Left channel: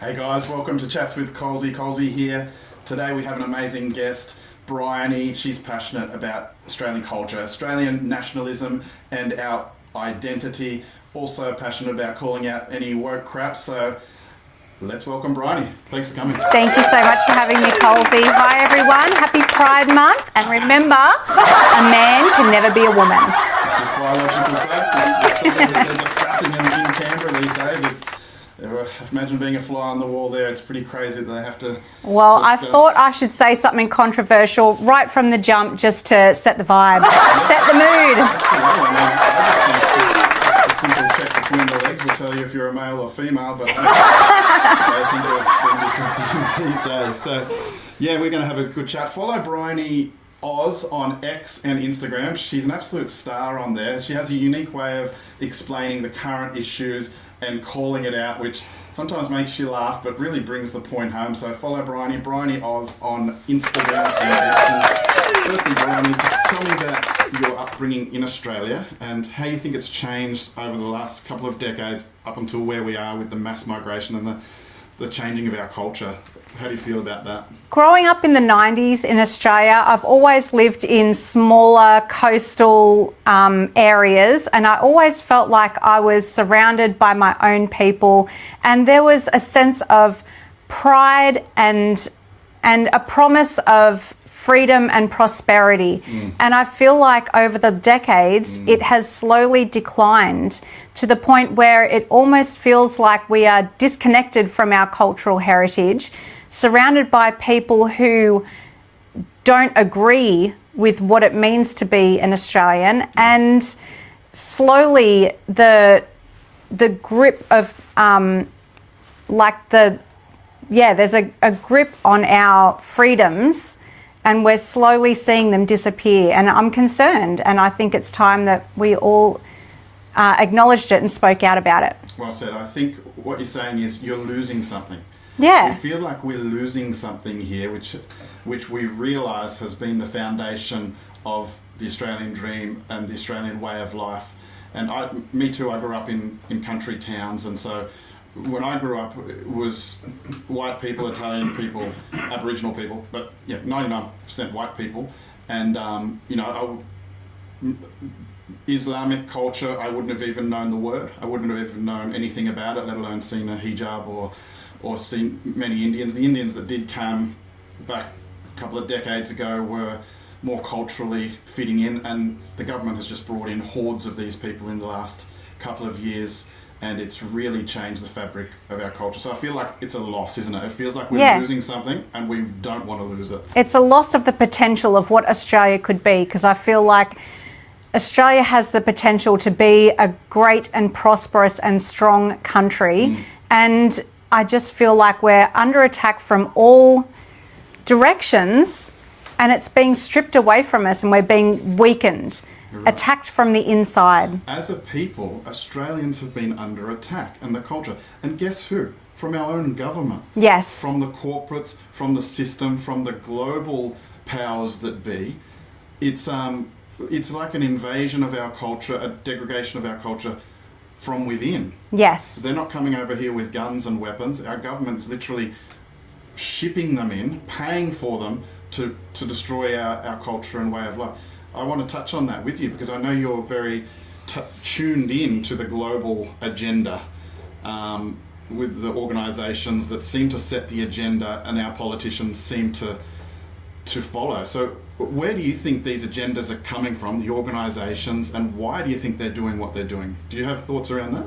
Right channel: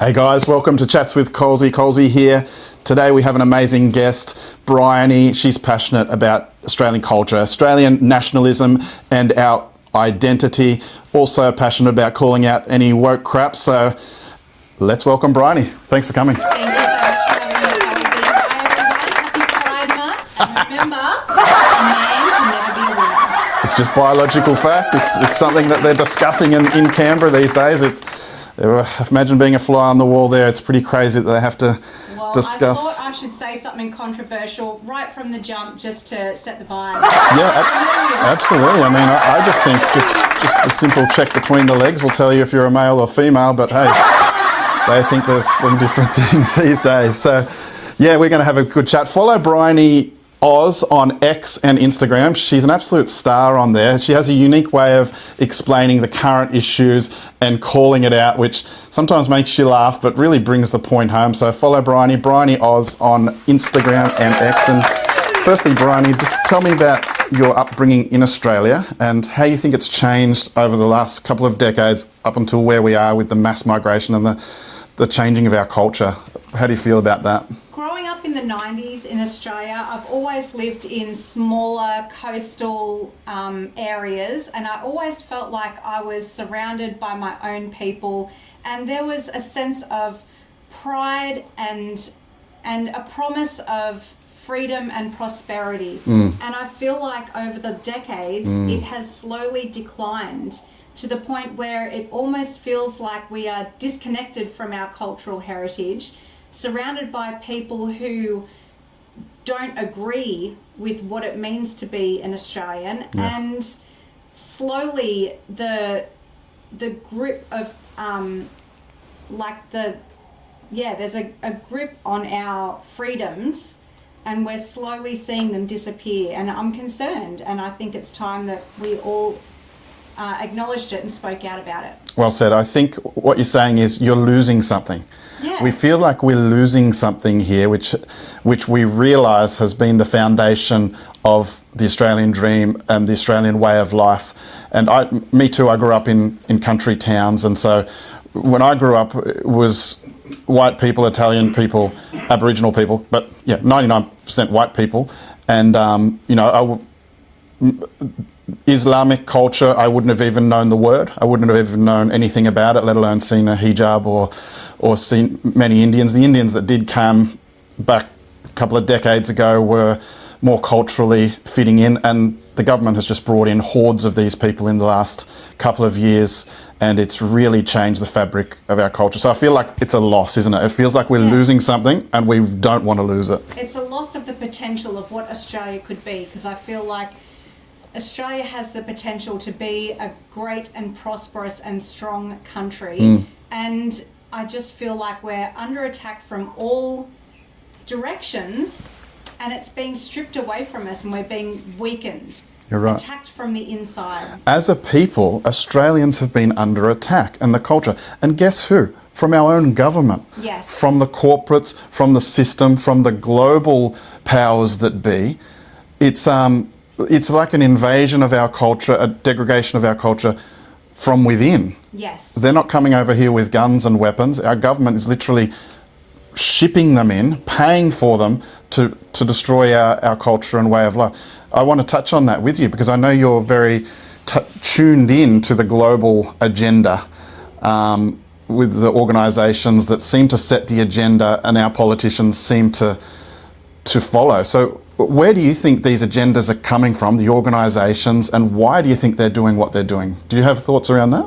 Hey guys, welcome to Chats with Colsey. Colsey here. Today we have an amazing guest, Briony. She's passionate about Australian culture, Australian nationalism and our identity. Also passionate about calling out any woke crap. So let's welcome Briony. Thanks for coming. Thank you so much for having me, Colsey. Hi everyone, happy Pride Month. And remember, a man can never be a woman. It's just biological fact. It's something that they're discussing in Canberra these days. Imagine being a fly on the wall there. It's pretty crazy that they have to discuss. I thought I should say something controversial right from the jump just to set the vibe, set the mood. Absolutely. I mean, I just think just a simple check between the legs will tell you if you're a male or female, but hey, they think there's some different things these days. So, yeah, we're going to have a good chat. Follow Briony Aus on X and Instagram. She's an absolute star on there. She has a unique way of explaining the current issues and calling it out, which sometimes makes you laugh, but really brings the point home. So follow Briony Aus on Instagram and X. And firstly, Briony, just tell me about your upbringing in Australia and how you think it's changed over the last couple of decades up until where we are with the mass migration and the changing of our culture. How do you feel about that? Growing up in the 90s in Australia, I've always lived in smaller coastal areas, and I always felt like I was surrounded by my own people, and there was a sense of pride and a promise of freedom and prosperity. And I feel like over the decades, it has slowly declined to the point where it almost feels like we are disconnected from our cultural heritage, surrounded by people who don't agree with what it means to be an Australian. Yes. And slowly the grip of there's a grip on our freedoms, and we're slowly seeing them disappear. And I'm concerned, and I think it's time that we all acknowledged it and spoke out about it. Well said. I think what you're saying is you're losing something. Yeah. We feel like we're losing something here, which we realise has been the foundation of the Australian dream and the Australian way of life. And me too, I grew up in country towns, and so when I grew up, it was white people, Italian people, Aboriginal people, but yeah, 99% white people. And, Islamic culture, I wouldn't have even known the word. I wouldn't have even known anything about it, let alone seen a hijab or seen many Indians. The Indians that did come back a couple of decades ago were more culturally fitting in, and the government has just brought in hordes of these people in the last couple of years, and it's really changed the fabric of our culture. So I feel like it's a loss, isn't it? It feels like we're losing something, and we don't want to lose it. It's a loss of the potential of what Australia could be, because I feel like Australia has the potential to be a great and prosperous and strong country. And I just feel like we're under attack from all directions, and it's being stripped away from us, and we're being weakened, attacked from the inside. As a people, Australians have been under attack, and the culture. And guess who? From our own government. Yes. From the corporates, from the system, from the global powers that be. It's like an invasion of our culture, a degradation of our culture from within. Yes. They're not coming over here with guns and weapons. Our government is literally shipping them in, paying for them to destroy our culture and way of life. I want to touch on that with you because I know you're very tuned in to the global agenda with the organisations that seem to set the agenda and our politicians seem to follow. So where do you think these agendas are coming from, the organisations, and why do you think they're doing what they're doing? Do you have thoughts around that?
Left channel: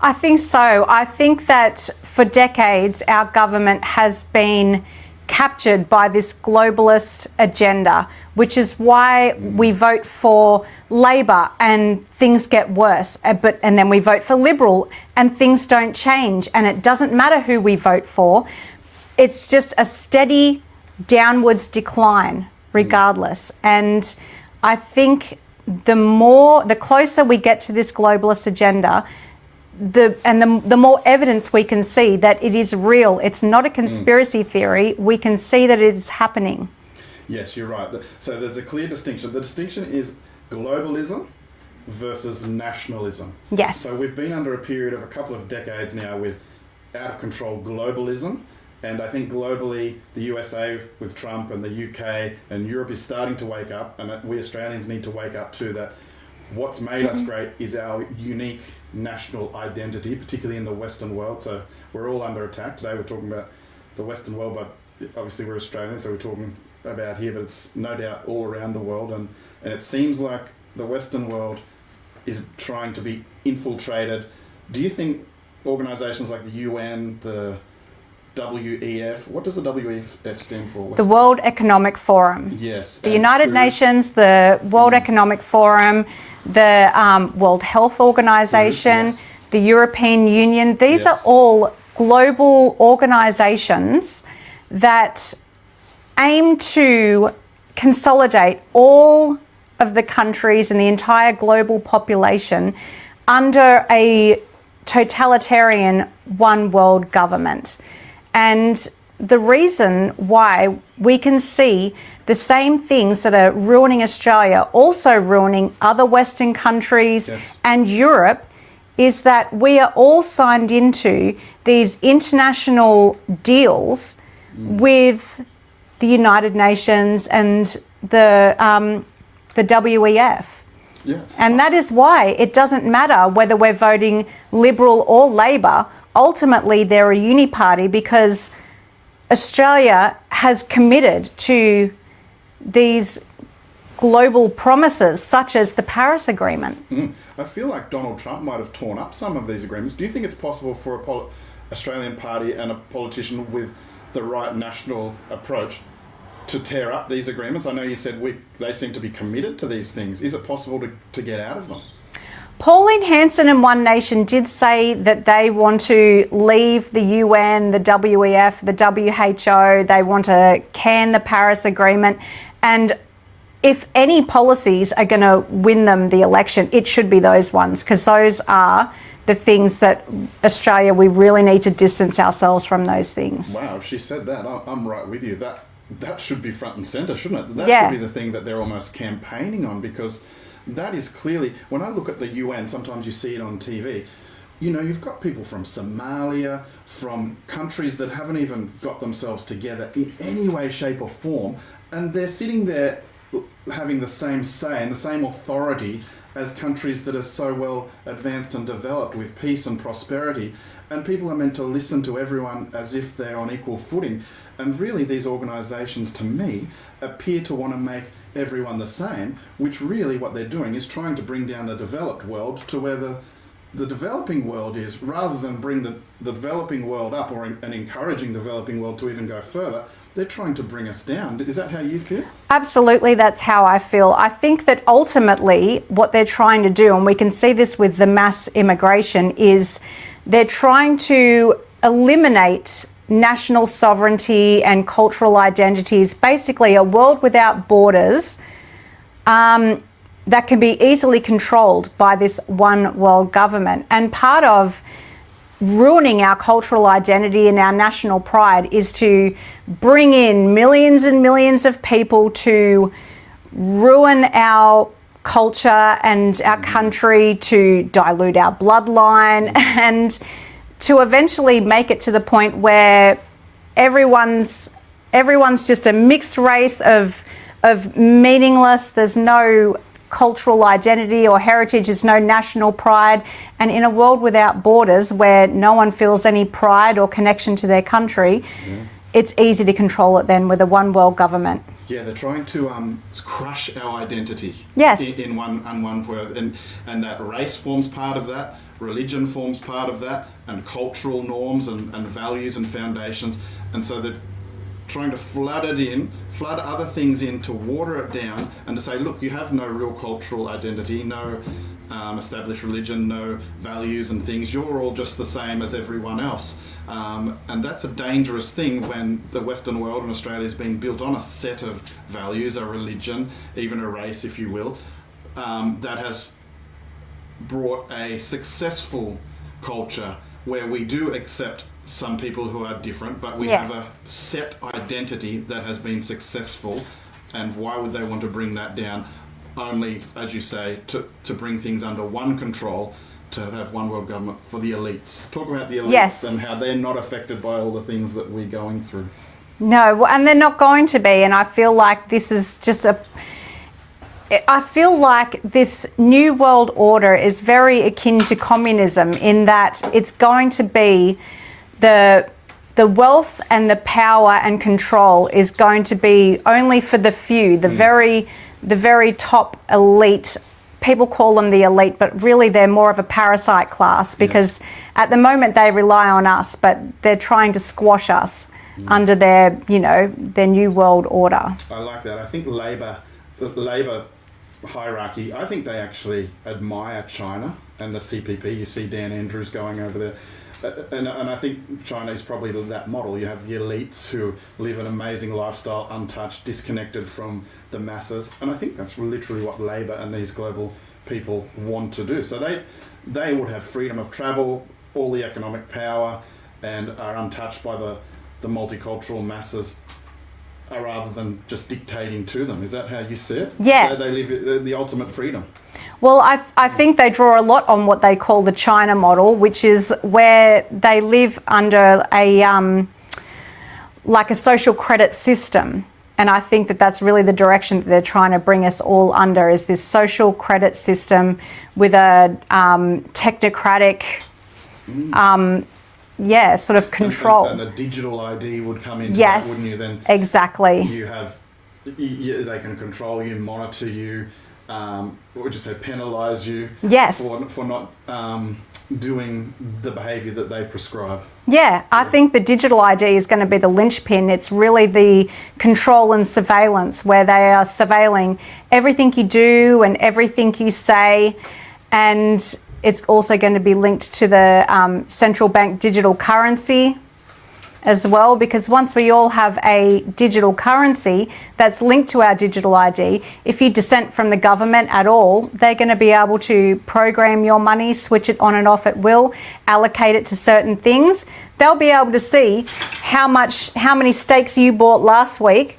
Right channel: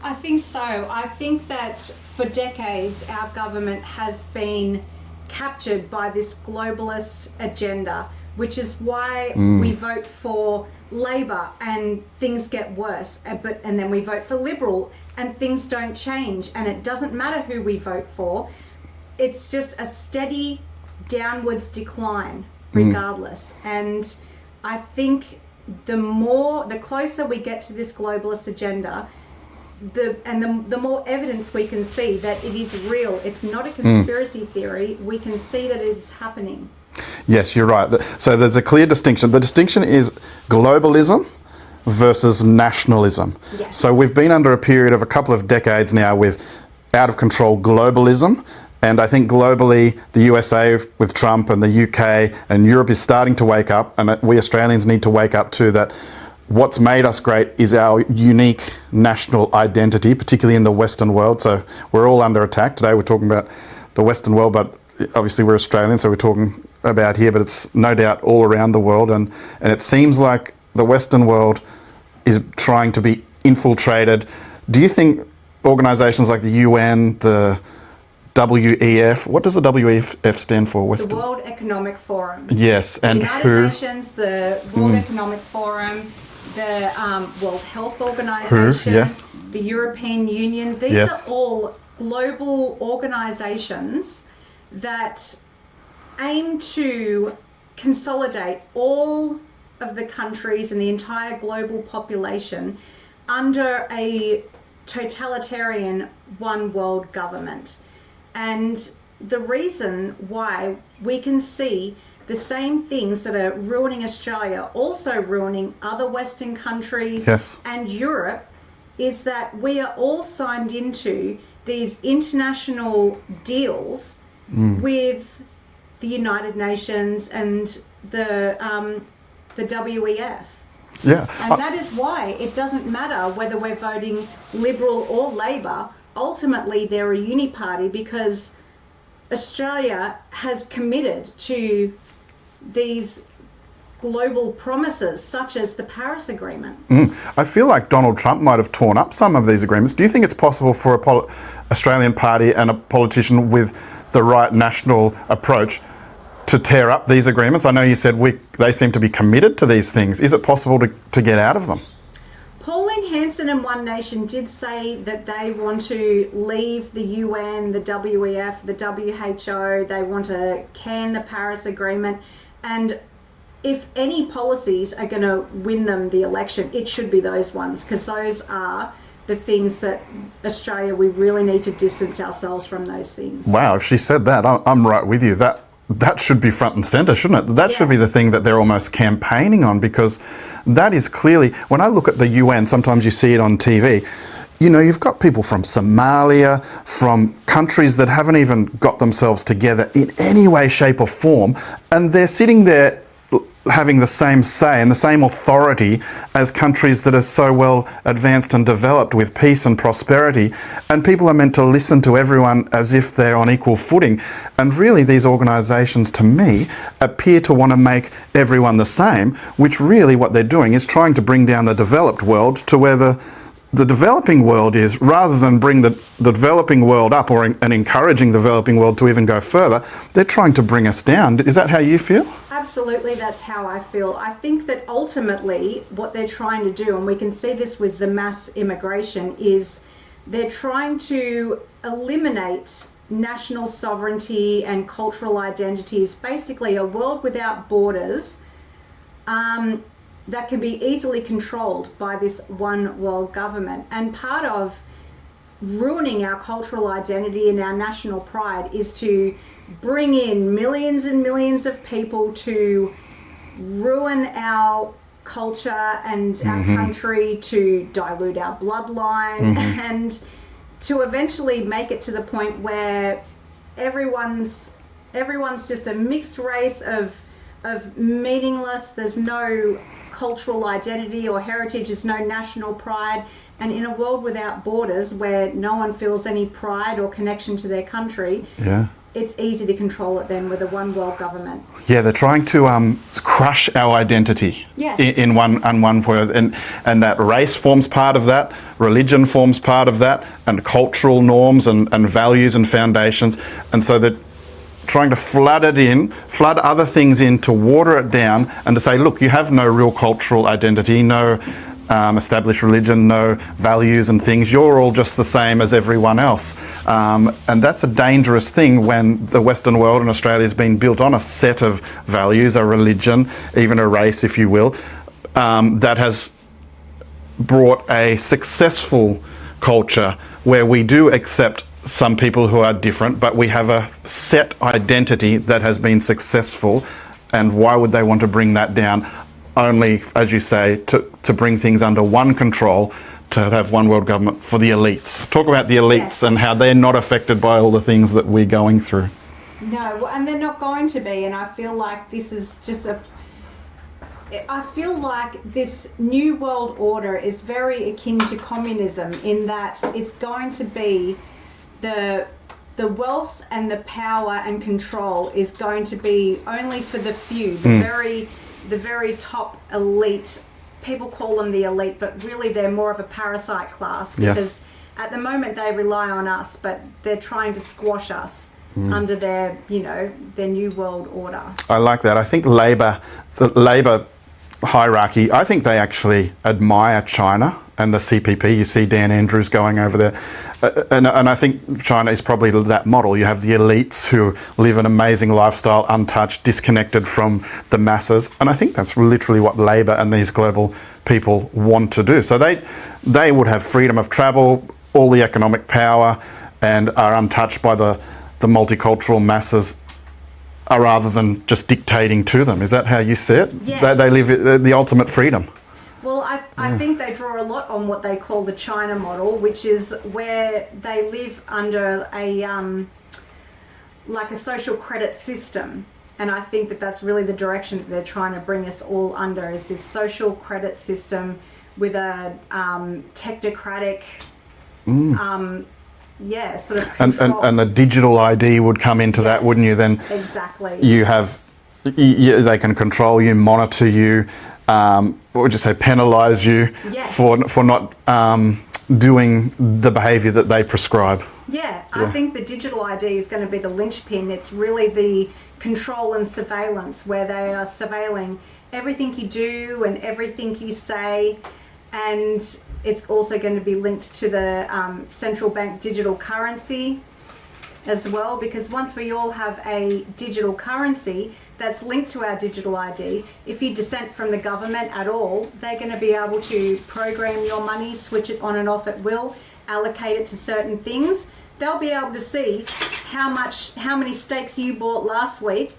I think so. I think that for decades our government has been captured by this globalist agenda, which is why we vote for Labor and things get worse, and then we vote for Liberal and things don't change, and it doesn't matter who we vote for. It's just a steady downwards decline regardless. And I think the closer we get to this globalist agenda, the more evidence we can see that it is real. It's not a conspiracy theory. We can see that it is happening. Yes, you're right. So there's a clear distinction. The distinction is globalism versus nationalism. Yes. So we've been under a period of a couple of decades now with out of control globalism. And I think globally, the USA with Trump and the UK and Europe is starting to wake up, and we Australians need to wake up too, that what's made us great is our unique national identity, particularly in the Western world. So we're all under attack. Today we're talking about the Western world, but obviously we're Australians, so we're talking about here, but it's no doubt all around the world. And it seems like the Western world is trying to be infiltrated. Do you think organisations like the UN, the WEF, what does the WEF stand for? The World Economic Forum. Yes. The United Nations, the World Economic Forum, the World Health Organization, yes. the European Union. These Yes. are all global organizations that aim to consolidate all of the countries and the entire global population under a totalitarian one world government. And the reason why we can see the same things that are ruining Australia also ruining other Western countries Yes. and Europe is that we are all signed into these international deals with the United Nations and the WEF. Yeah. And that is why it doesn't matter whether we're voting Liberal or Labor. Ultimately, they're a uni party because Australia has committed to these global promises, such as the Paris Agreement. I feel like Donald Trump might have torn up some of these agreements. Do you think it's possible for a Australian party and a politician with the right national approach to tear up these agreements? I know you said they seem to be committed to these things. Is it possible to get out of them? Pauline Hanson and One Nation did say that they want to leave the UN, the WEF, the WHO. They want to can the Paris Agreement. And if any policies are going to win them the election, it should be those ones, because those are the things that Australia, we really need to distance ourselves from those things. Wow, if she said that, I'm right with you. That should be front and centre, shouldn't it? That Yeah. should be the thing that they're almost campaigning on, because that is clearly, when I look at the UN, sometimes you see it on TV, you know, you've got people from Somalia, from countries that haven't even got themselves together in any way, shape or form, and they're sitting there having the same say and the same authority as countries that are so well advanced and developed with peace and prosperity. And people are meant to listen to everyone as if they're on equal footing. And really, these organisations, to me, appear to want to make everyone the same, which really what they're doing is trying to bring down the developed world to where the developing world is, rather than bring the developing world up and encouraging the developing world to even go further. They're trying to bring us down. Is that how you feel? Absolutely, that's how I feel. I think that ultimately what they're trying to do, and we can see this with the mass immigration, is they're trying to eliminate national sovereignty and cultural identities, basically a world without borders, that can be easily controlled by this one world government. And part of ruining our cultural identity and our national pride is to bring in millions and millions of people to ruin our culture and our country, to dilute our bloodline, and to eventually make it to the point where everyone's just a mixed race of meaningless. There's no cultural identity or heritage, there's no national pride. And in a world without borders, where no one feels any pride or connection to their country, it's easy to control it then with a one world government. Yeah, they're trying to crush our identity. Yes. In one word, and that race forms part of that, religion forms part of that, and cultural norms and values and foundations. And so they're trying to flood other things in to water it down, and to say, look, you have no real cultural identity, no established religion, no values and things. You're all just the same as everyone else. And that's a dangerous thing when the Western world and Australia has been built on a set of values, a religion, even a race, if you will, that has brought a successful culture where we do accept some people who are different, but we have a set identity that has been successful. And why would they want to bring that down? Only, as you say, to bring things under one control, to have one world government for the elites. Talk about the elites Yes. and how they're not affected by all the things that we're going through. No, and they're not going to be. And I feel like this is just I feel like this new world order is very akin to communism in that it's going to be the wealth and the power and control is going to be only for the few, the very top elite. People call them the elite, but really they're more of a parasite class because at the moment they rely on us, but they're trying to squash us under their, their new world order. I like that. I think the Labor hierarchy, I think they actually admire China and the CPP. You see Dan Andrews going over there. And I think China is probably that model. You have the elites who live an amazing lifestyle, untouched, disconnected from the masses. And I think that's literally what Labor and these global people want to do. So they would have freedom of travel, all the economic power, and are untouched by the multicultural masses, rather than just dictating to them. Is that how you see it? Yeah. They live the ultimate freedom. Well, I think they draw a lot on what they call the China model, which is where they live under like a social credit system. And I think that that's really the direction that they're trying to bring us all under, is this social credit system with a technocratic, sort of control. And the digital ID would come into that, wouldn't you? Then exactly. You have, they can control you, monitor you, what would you say, penalise you for not doing the behaviour that they prescribe. Yeah, I think the digital ID is going to be the linchpin. It's really the control and surveillance, where they are surveilling everything you do and everything you say. And it's also going to be linked to the central bank digital currency as well, because once we all have a digital currency that's linked to our digital ID, if you dissent from the government at all, they're going to be able to program your money, switch it on and off at will, allocate it to certain things. They'll be able to see how many steaks you bought last week.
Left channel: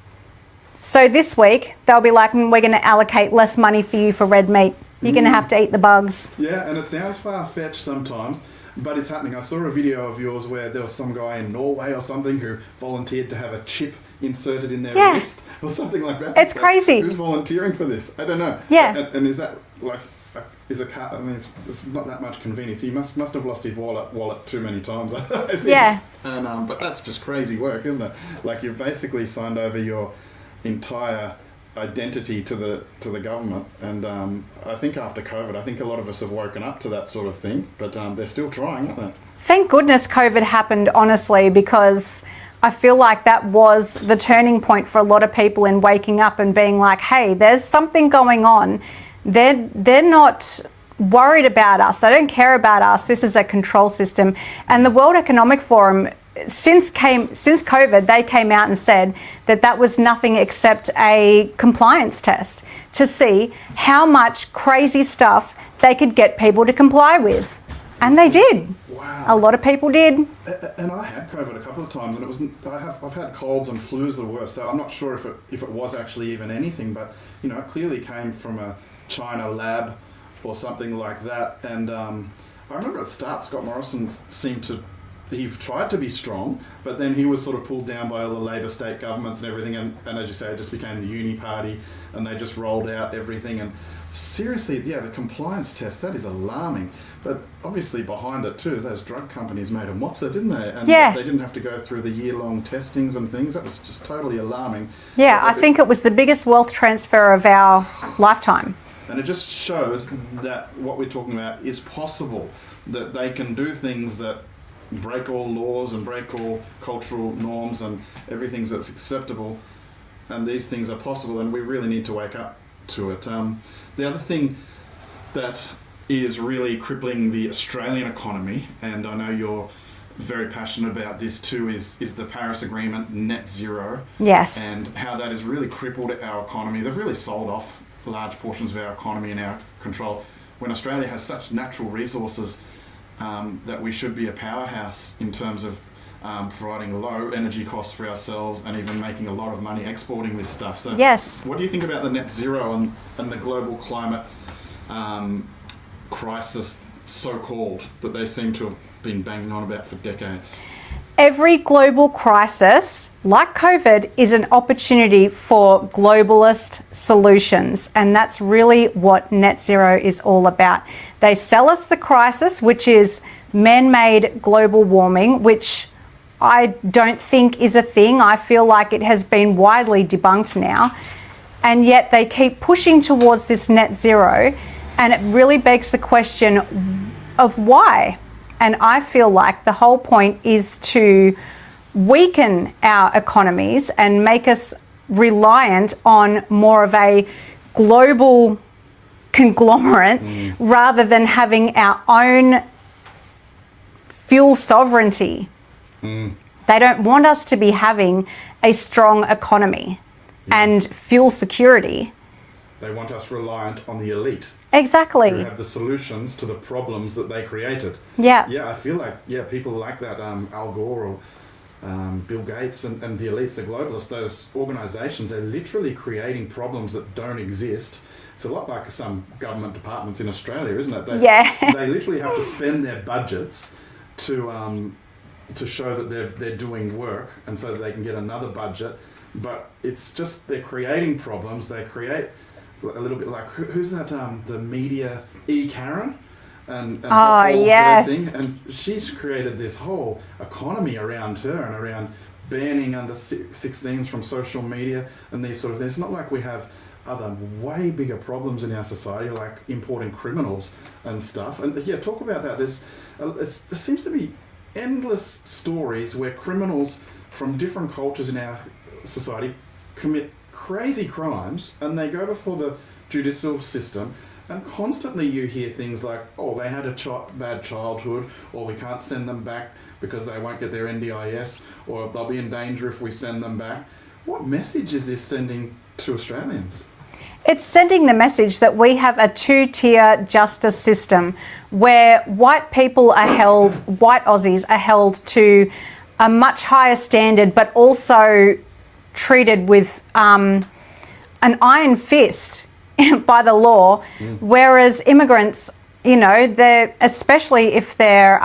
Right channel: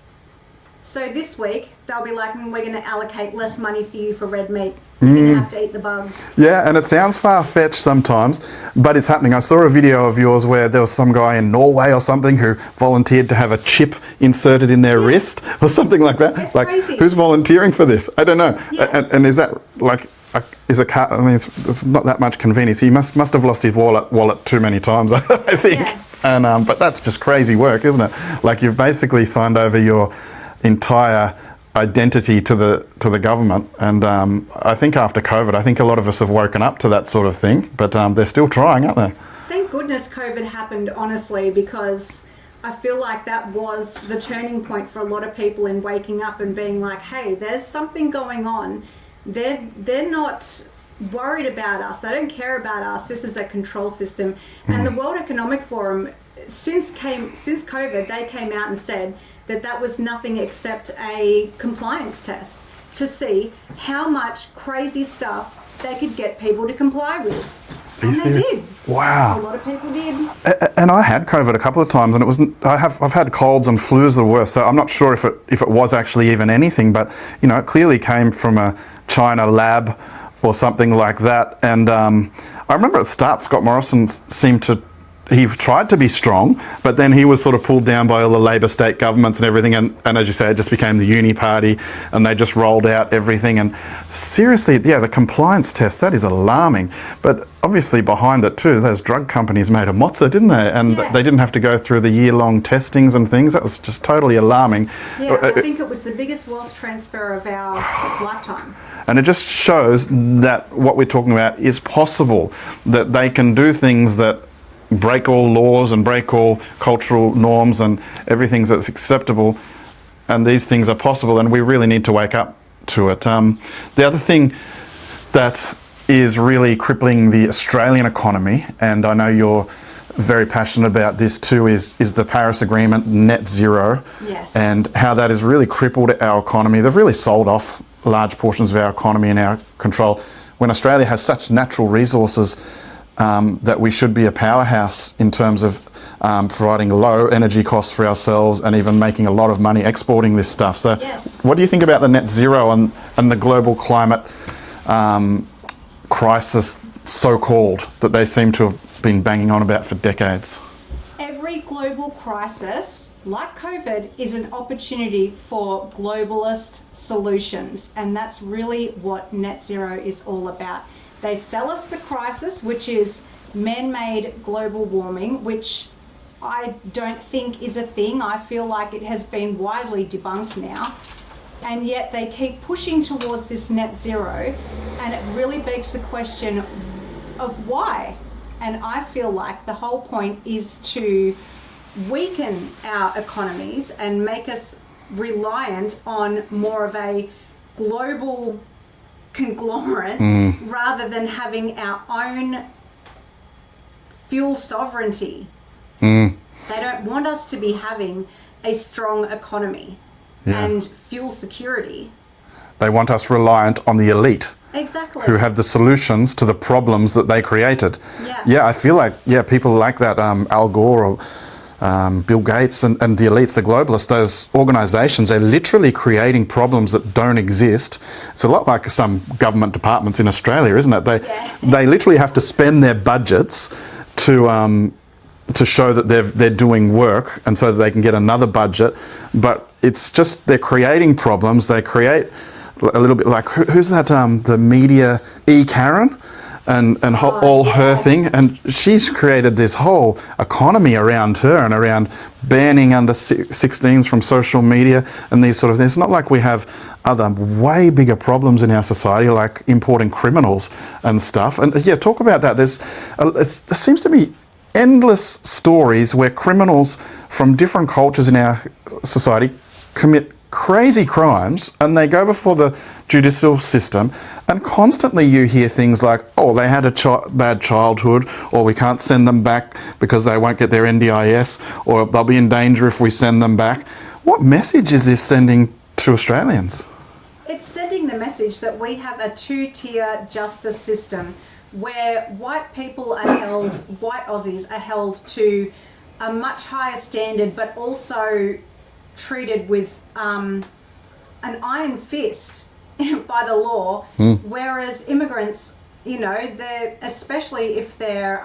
So this week, they'll be like, we're going to allocate less money for you for red meat. You're going to have to eat the bugs. Yeah, and it sounds far-fetched sometimes, but it's happening. I saw a video of yours where there was some guy in Norway or something who volunteered to have a chip inserted in their wrist or something like that. It's like, crazy. Who's volunteering for this? I don't know. Yeah. And is that like, is a car? I mean, it's not that much convenience. He must have lost his wallet too many times, I think. Yeah. And but that's just crazy work, isn't it? Like, you've basically signed over your entire identity to the government, and I think after COVID, I think a lot of us have woken up to that sort of thing, but they're still trying, aren't they? Thank goodness COVID happened, honestly, because I feel like that was the turning point for a lot of people in waking up and being like, hey, there's something going on. They're not worried about us. They don't care about us. This is a control system. And the World Economic Forum, since COVID, they came out and said that that was nothing except a compliance test to see how much crazy stuff they could get people to comply with. And they did. Wow. A lot of people did. And I had COVID a couple of times, and it wasn't. I've had colds and flus the worst. So I'm not sure if it was actually even anything, but it clearly came from a China lab or something like that. And I remember at the start, Scott Morrison seemed to. He tried to be strong, but then he was sort of pulled down by all the Labor state governments and everything. And as you say, it just became the uni party, and they just rolled out everything. And seriously, the compliance test, that is alarming. But obviously behind it too, those drug companies made a mozza, didn't they? And they didn't have to go through the year-long testings and things. That was just totally alarming. Yeah, I think it was the biggest wealth transfer of our lifetime. And it just shows that what we're talking about is possible, that they can do things that break all laws and break all cultural norms and everything that's acceptable, and these things are possible, and we really need to wake up to it. The other thing that is really crippling the Australian economy, and I know you're very passionate about this too, is the Paris Agreement, net zero. Yes. And how that has really crippled our economy. They've really sold off large portions of our economy in our control, when Australia has such natural resources that we should be a powerhouse in terms of providing low energy costs for ourselves and even making a lot of money exporting this stuff. So what do you think about the net zero and the global climate crisis so-called that they seem to have been banging on about for decades? Every global crisis, like COVID, is an opportunity for globalist solutions. And that's really what net zero is all about. They sell us the crisis, which is man-made global warming, which I don't think is a thing. I feel like it has been widely debunked now. And yet they keep pushing towards this net zero. And it really begs the question of why. And I feel like the whole point is to weaken our economies and make us reliant on more of a global conglomerate rather than having our own fuel sovereignty. They don't want us to be having a strong economy and fuel security. They want us reliant on the elite. Exactly. Who have the solutions to the problems that they created. Yeah. Yeah, I feel like, people like that, Al Gore or Bill Gates and the elites, the globalists, those organisations, they're literally creating problems that don't exist. It's a lot like some government departments in Australia, isn't it? They literally have to spend their budgets to show that they're doing work, and so that they can get another budget. But it's just, they're creating problems. They create a little bit like, who's that, the media Karen and her thing, and she's created this whole economy around her and around banning under 16s from social media and these sort of things. It's not like we have other way bigger problems in our society, like importing criminals and stuff. And talk about that. There seems to be endless stories where criminals from different cultures in our society commit crazy crimes, and they go before the judicial system, and constantly you hear things like, oh, they had a bad childhood, or we can't send them back because they won't get their NDIS, or they'll be in danger if we send them back. What message is this sending to Australians? It's sending the message that we have a two-tier justice system where white people are held, white Aussies are held to a much higher standard, but also treated with an iron fist by the law, whereas immigrants, especially if they're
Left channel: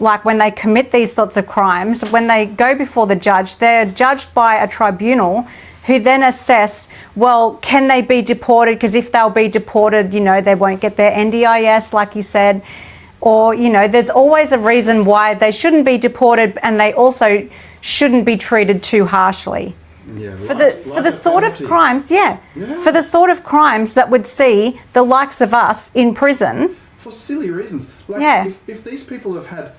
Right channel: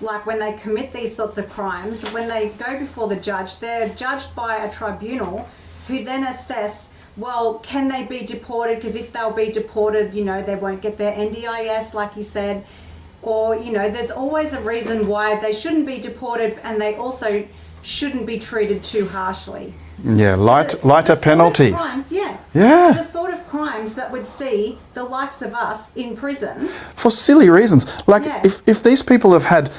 like when they commit these sorts of crimes, when they go before the judge, they're judged by a tribunal who then assess, well, can they be deported? Because if they'll be deported, they won't get their NDIS, like you said. Or, there's always a reason why they shouldn't be deported, and they also shouldn't be treated too harshly. Yeah, lighter penalties. Sort of crimes, for the sort of crimes that would see the likes of us in prison. For silly reasons. Like, if these people have had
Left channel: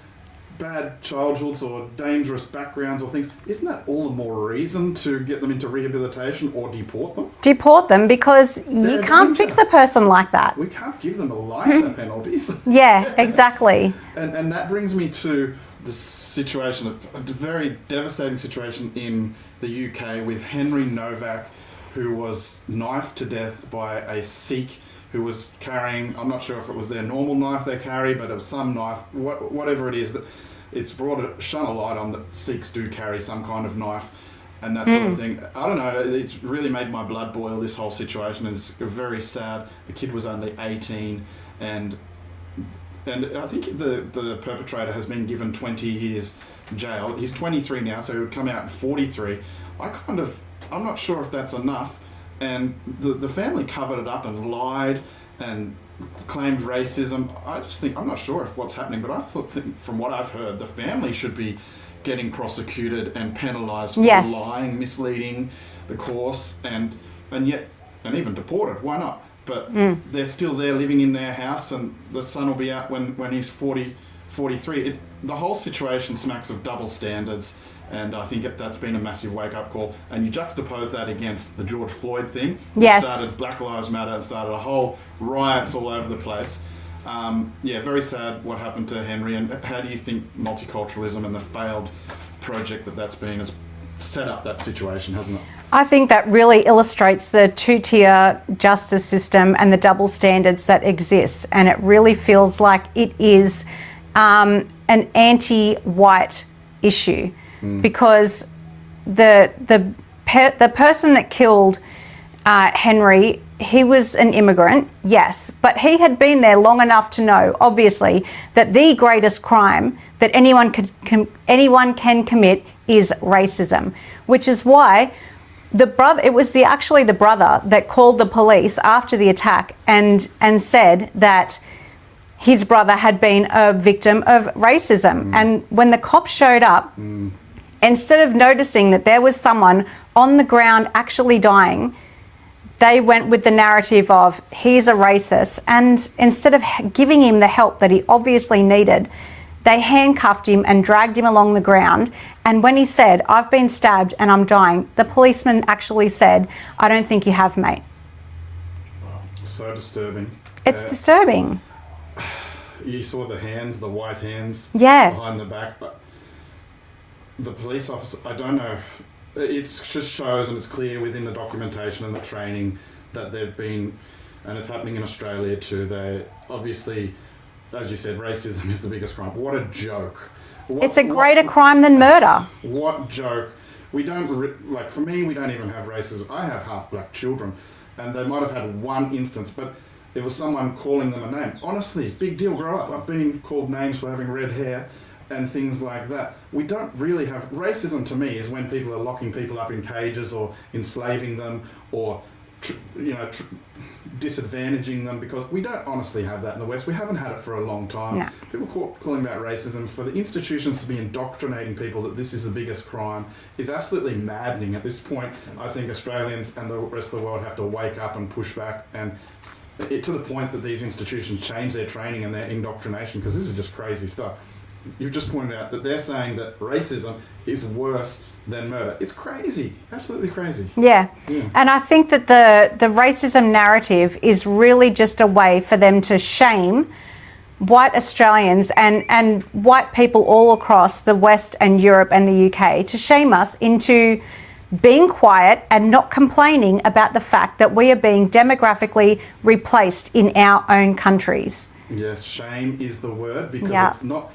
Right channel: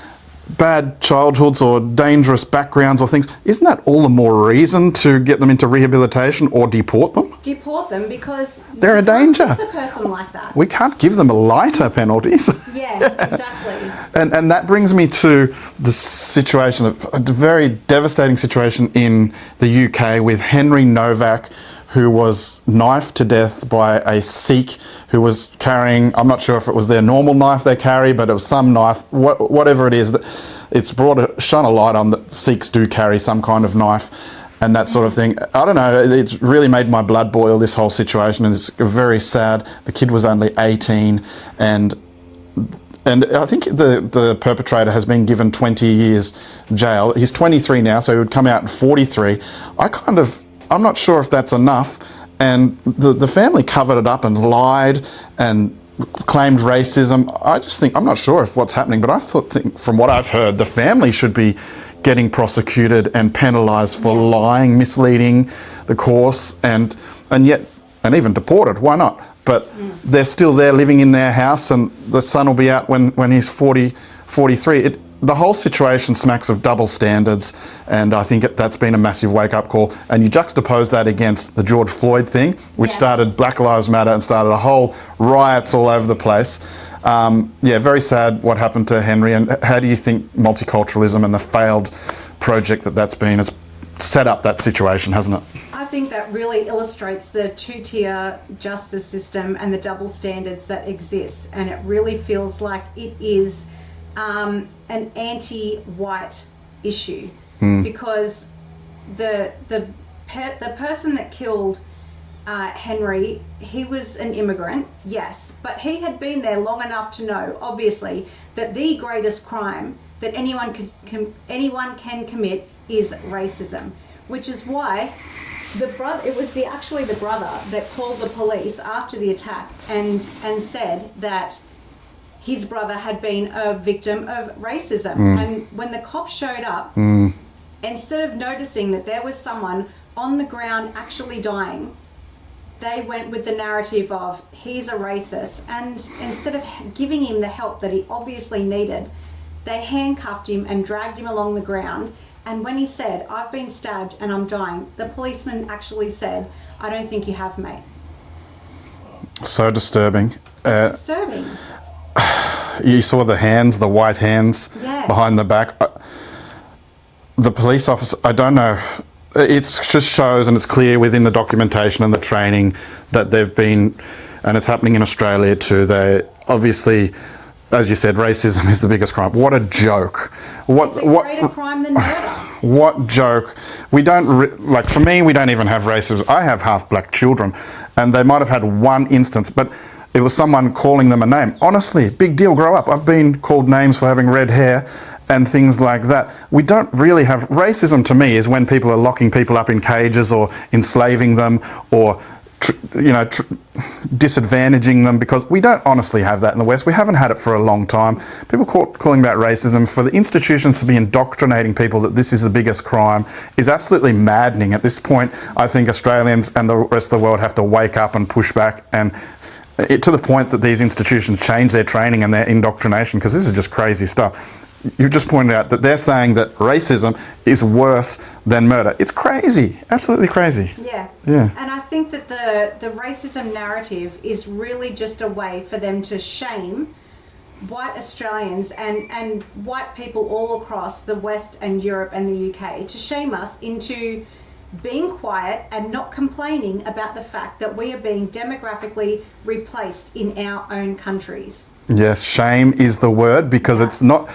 bad childhoods or dangerous backgrounds or things, isn't that all the more reason to get them into rehabilitation or deport them? Deport them, because they're you can't fix a person like that. We can't give them lighter penalties. Yeah, exactly. And that brings me to the situation, a very devastating situation in the UK with Henry Novak, who was knifed to death by a Sikh who was carrying, I'm not sure if it was their normal knife they carry, but it was some knife, whatever it is. It's shone a light on that Sikhs do carry some kind of knife and that sort of thing. I don't know, it's really made my blood boil, this whole situation, and it's very sad. The kid was only 18, and I think the perpetrator has been given 20 years jail. He's 23 now, so he would come out at 43. I'm not sure if that's enough. And the family covered it up and lied and claimed racism. I'm not sure if what's happening, but think from what I've heard, the family should be getting prosecuted and penalised for lying, misleading the course, and even deported. Why not? But they're still there living in their house, and the son will be out when he's 43. The whole situation smacks of double standards, and I think that's been a massive wake-up call. And you juxtapose that against the George Floyd thing, which started Black Lives Matter and started a whole riots all over the place. Very sad what happened to Henry. And how do you think multiculturalism and the failed project that's been has set up that situation, hasn't it? I think that really illustrates the two-tier justice system and the double standards that exist. And it really feels like it is an anti-white issue, because the person that killed Henry, he was an immigrant, yes, but he had been there long enough to know, obviously, that the greatest crime that anyone can commit is racism, which is why it was actually the brother that called the police after the attack and said that his brother had been a victim of racism. And when the cops showed up, instead of noticing that there was someone on the ground actually dying, they went with the narrative of he's a racist, and instead of giving him the help that he obviously needed, they handcuffed him and dragged him along the ground. And when he said, "I've been stabbed and I'm dying," the policeman actually said, "I don't think you have, mate." So disturbing. It's disturbing. You saw the hands, the white hands behind the back. The police officer, I don't know. It just shows, and it's clear within the documentation and the training that they've been, and it's happening in Australia too. They obviously, as you said, racism is the biggest crime. What a joke. It's a greater crime than murder. What joke. We don't, like for me, we don't even have racism. I have half black children, and they might have had one instance, but it was someone calling them a name. Honestly, big deal, grow up. I've been called names for having red hair and things like that. We don't really have, racism to me is when people are locking people up in cages or enslaving them or disadvantaging them, because we don't honestly have that in the West. We haven't had it for a long time. No. People calling that racism, for the institutions to be indoctrinating people that this is the biggest crime, is absolutely maddening. At this point, I think Australians and the rest of the world have to wake up and push back, and to the point that these institutions change their training and their indoctrination, because this is just crazy stuff. You've just pointed out that they're saying that racism is worse than murder. It's crazy, absolutely crazy. Yeah. And I think that the racism narrative is really just a way for them to shame white Australians and white people all across the West and Europe and the UK, to shame us into being quiet and not complaining about the fact that we are being demographically replaced in our own countries. Yes, shame is the word, because it's not,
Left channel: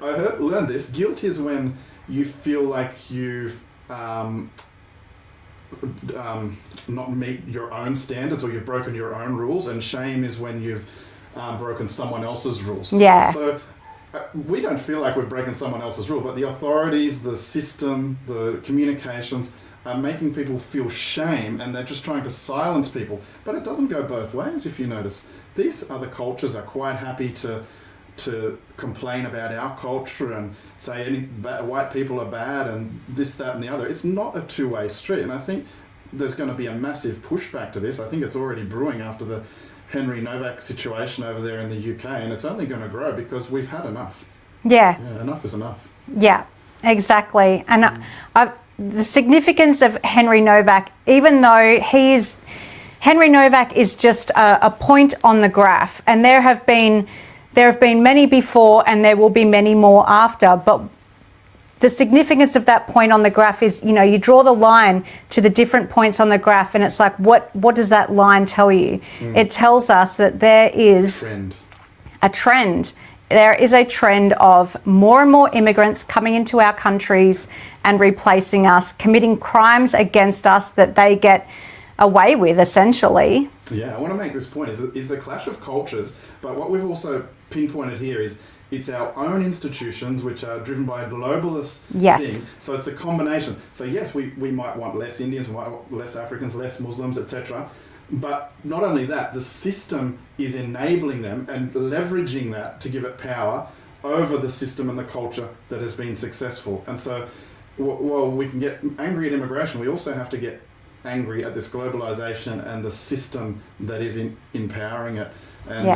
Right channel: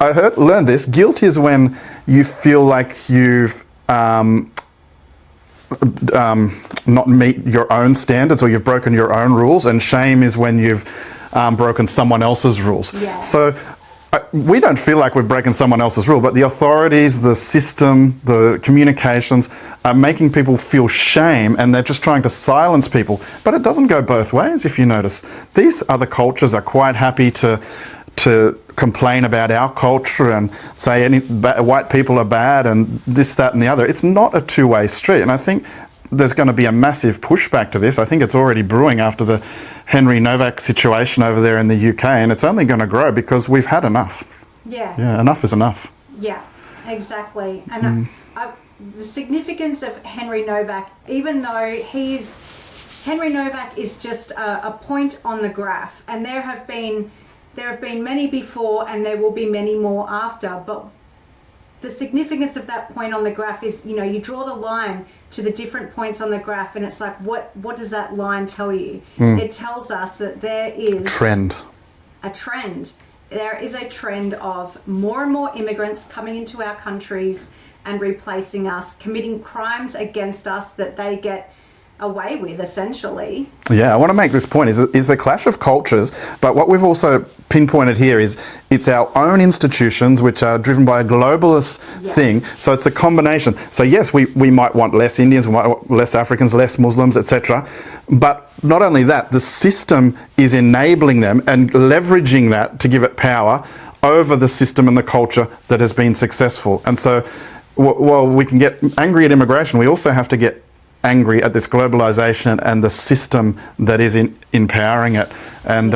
I learned this, guilt is when you feel like you've not meet your own standards or you've broken your own rules, and shame is when you've broken someone else's rules. Yeah. So we don't feel like we've broken someone else's rule, but the authorities, the system, the communications are making people feel shame, and they're just trying to silence people. But it doesn't go both ways, if you notice. These other cultures are quite happy to complain about our culture and say white people are bad and this, that and the other. It's not a two-way street, and I think there's going to be a massive pushback to this. I think it's already brewing after the Henry Novak situation over there in the UK, and it's only going to grow because we've had enough. Yeah, enough is enough. Yeah, exactly. And the significance of Henry Novak, even though Henry Novak is just a point on the graph, and there have been many before and there will be many more after, but the significance of that point on the graph is, you draw the line to the different points on the graph, and it's like, what does that line tell you? It tells us that there is a trend. There is a trend of more and more immigrants coming into our countries and replacing us, committing crimes against us that they get away with, essentially. Yeah, I want to make this point, is a clash of cultures, but what we've also pinpointed here is it's our own institutions which are driven by a globalist thing. So it's a combination. So yes, we might want less Indians, we might want less Africans, less Muslims, etc. But not only that, the system is enabling them and leveraging that to give it power over the system and the culture that has been successful. And so while we can get angry at immigration, we also have to get angry at this globalization and the system that is empowering it. And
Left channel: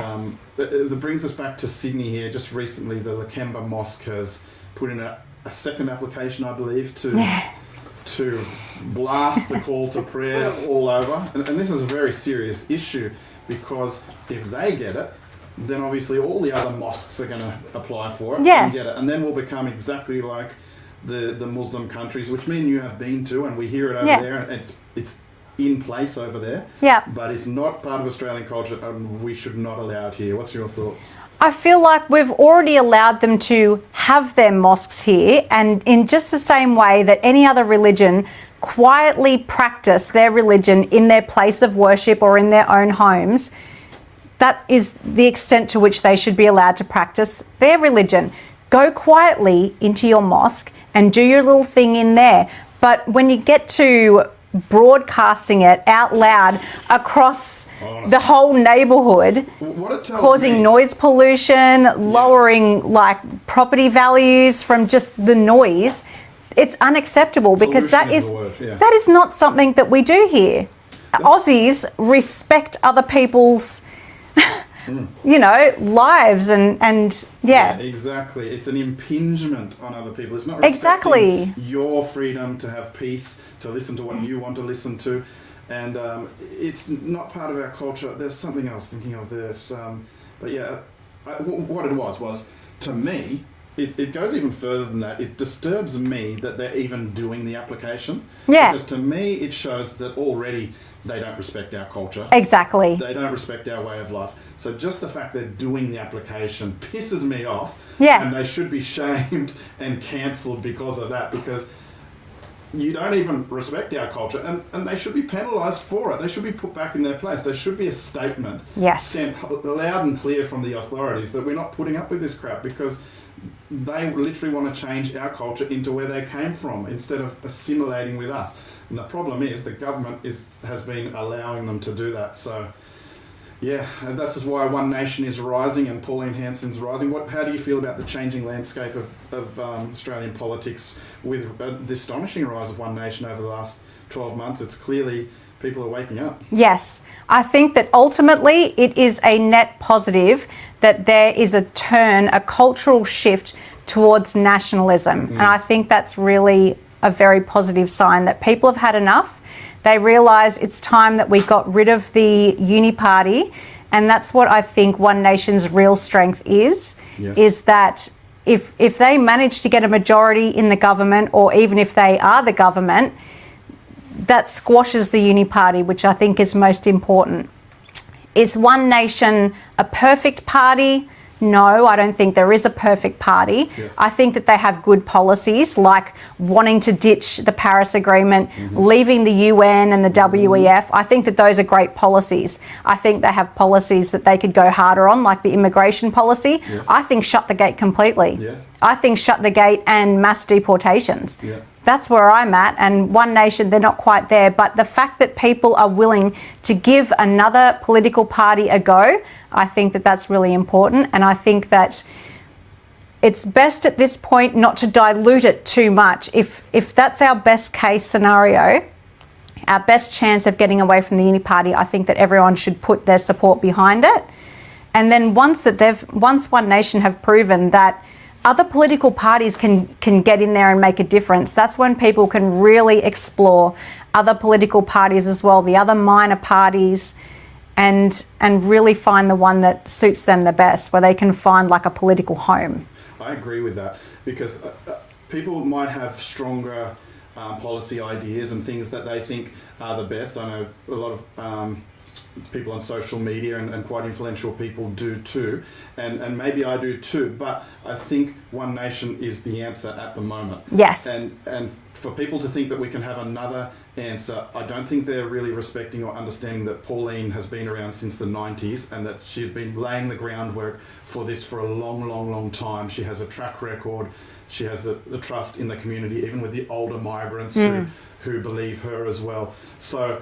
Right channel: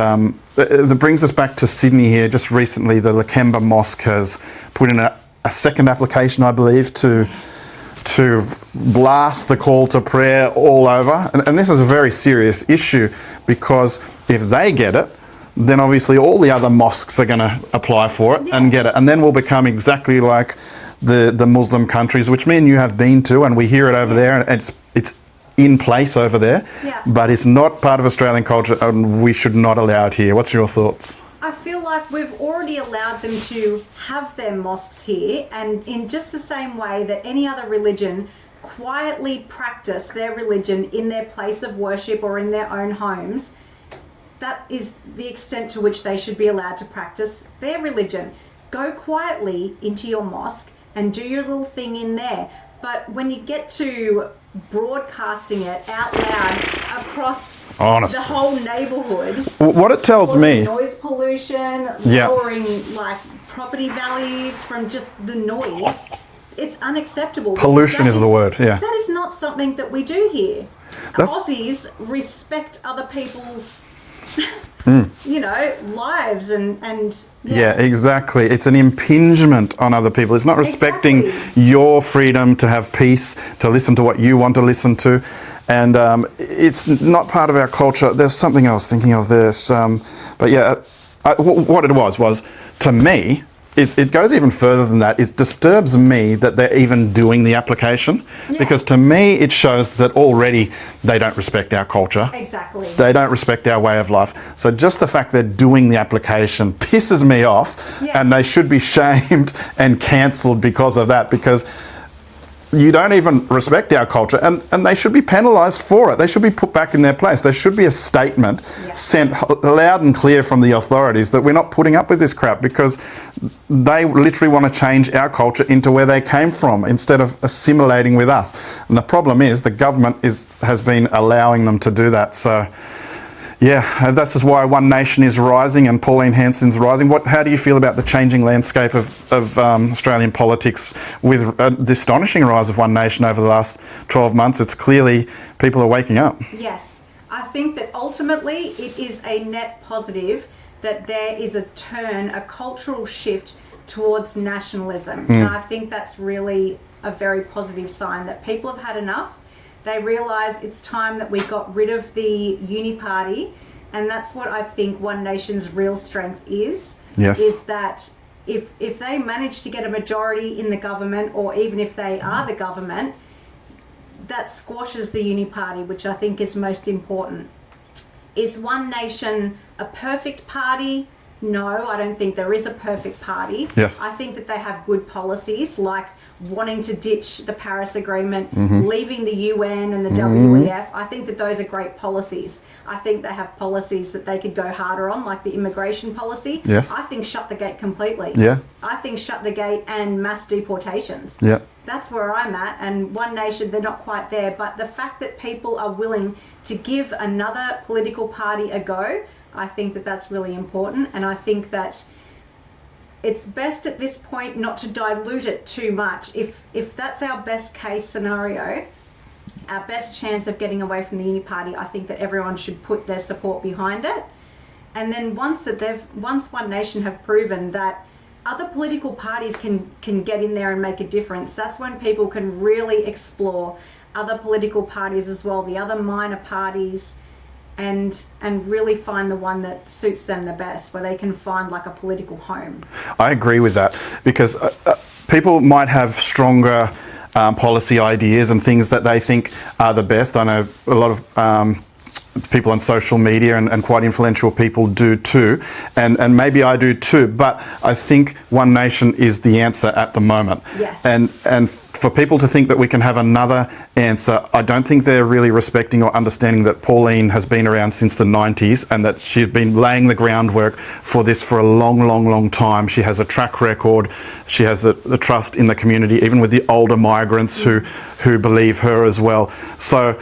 that brings us back to Sydney here. Just recently, the Lakemba Mosque has put in a second application, I believe, to blast the call to prayer all over. And this is a very serious issue, because if they get it, then obviously all the other mosques are going to apply for it and get it. And then we'll become exactly like the Muslim countries, which me and you have been to, and we hear it over there, and it's in place over there, but it's not part of Australian culture, and we should not allow it here. What's your thoughts? I feel like we've already allowed them to have their mosques here, and in just the same way that any other religion quietly practice their religion in their place of worship or in their own homes, that is the extent to which they should be allowed to practice their religion. Go quietly into your mosque and do your little thing in there. But when you get to broadcasting it out loud across Honestly. the whole neighbourhood, What it tells causing me, noise pollution, lowering like property values from just the noise, it's unacceptable. Because pollution is the word. Yeah. that is not something that we do here. That's- Aussies respect other people's lives and Yeah, exactly. It's an impingement on other people. It's not respecting Exactly. your freedom to have peace, to listen to what you want to listen to. And it's not part of our culture. There's something else thinking of this. But yeah, what it was to me, it goes even further than that. It disturbs me that they're even doing the application. Yeah. Because to me, it shows that already they don't respect our culture. Exactly. They don't respect our way of life. So just the fact they're doing the application pisses me off. Yeah. And they should be shamed and cancelled because of that, because you don't even respect our culture, and they should be penalised for it. They should be put back in their place. There should be a statement Yes. sent loud and clear from the authorities that we're not putting up with this crap, because they literally want to change our culture into where they came from instead of assimilating with us. And the problem is the government has been allowing them to do that. So yeah, this is why One Nation is rising and Pauline Hanson's rising. How do you feel about the changing landscape of Australian politics with the astonishing rise of One Nation over the last 12 months? It's clearly people are waking up. Yes. I think that ultimately it is a net positive that there is a cultural shift towards nationalism. And I think that's really a very positive sign that people have had enough. They realise it's time that we got rid of the uni party, and that's what I think One Nation's real strength is. Yes. Is that if they manage to get a majority in the government, or even if they are the government, that squashes the uni party, which I think is most important. Is One Nation a perfect party? No, I don't think there is a perfect party. Yes. I think that they have good policies, like wanting to ditch the Paris Agreement, leaving the UN and the WEF. I think that those are great policies. I think they have policies that they could go harder on, like the immigration policy. Yes. I think shut the gate completely. Yeah. I think shut the gate and mass deportations. Yeah. That's where I'm at. And One Nation, they're not quite there. But the fact that people are willing to give another political party a go, I think that that's really important. And I think that it's best at this point not to dilute it too much. If that's our best case scenario, our best chance of getting away from the uni party, I think that everyone should put their support behind it. And then once One Nation have proven that other political parties can get in there and make a difference, that's when people can really explore other political parties as well, the other minor parties, and really find the one that suits them the best, where they can find like a political home. I agree with that, because people might have stronger policy ideas and things that they think are the best. I know a lot of people on social media and quite influential people do too, and maybe I do too, but I think One Nation is the answer at the moment. Yes. And for people to think that we can have another answer, I don't think they're really respecting or understanding that Pauline has been around since the 90s and that she's been laying the groundwork for this for a long, long, long time. She has a track record. She has the trust in the community, even with the older migrants who believe her as well. So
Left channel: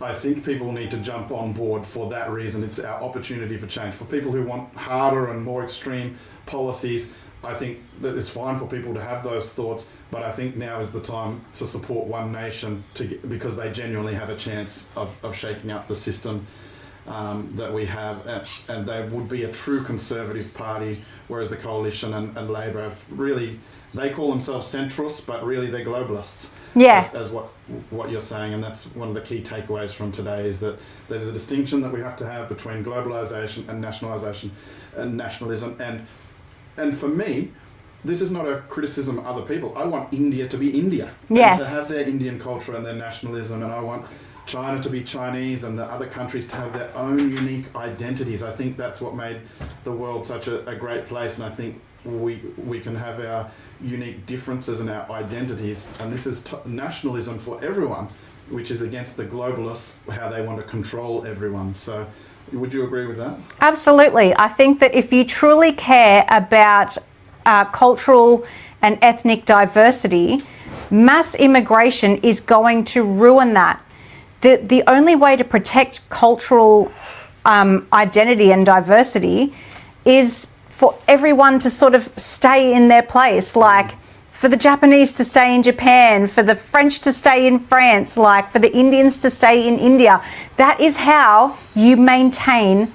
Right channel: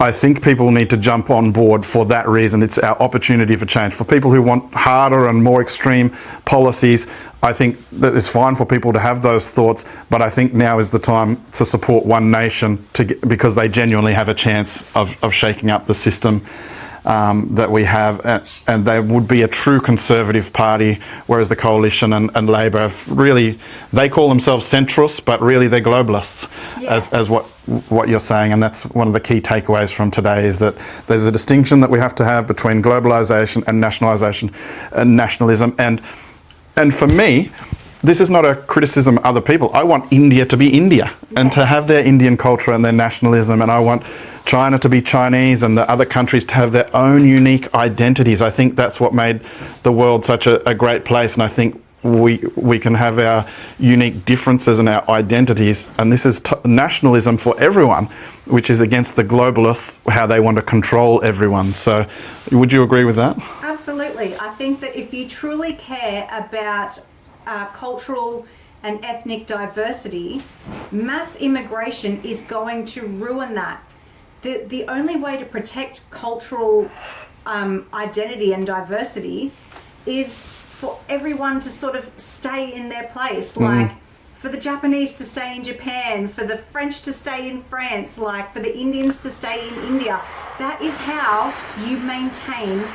I think people need to jump on board for that reason. It's our opportunity for change. For people who want harder and more extreme policies, I think that it's fine for people to have those thoughts, but I think now is the time to support One Nation because they genuinely have a chance of shaking up the system that we have, and they would be a true conservative party, whereas the Coalition and Labor have really, they call themselves centrists, but really they're globalists, as what you're saying. And that's one of the key takeaways from today, is that there's a distinction that we have to have between globalisation and nationalisation and nationalism. And for me, this is not a criticism of other people. I want India to be India and to have their Indian culture and their nationalism, and I want China to be Chinese and the other countries to have their own unique identities. I think that's what made the world such a great place, and I think we can have our unique differences and our identities, and this is nationalism for everyone, which is against the globalists, how they want to control everyone. So would you agree with that? Absolutely. I think that if you truly care about cultural and ethnic diversity, mass immigration is going to ruin that. The only way to protect cultural identity and diversity is for everyone to sort of stay in their place, like for the Japanese to stay in Japan, for the French to stay in France, like for the Indians to stay in India. That is how you maintain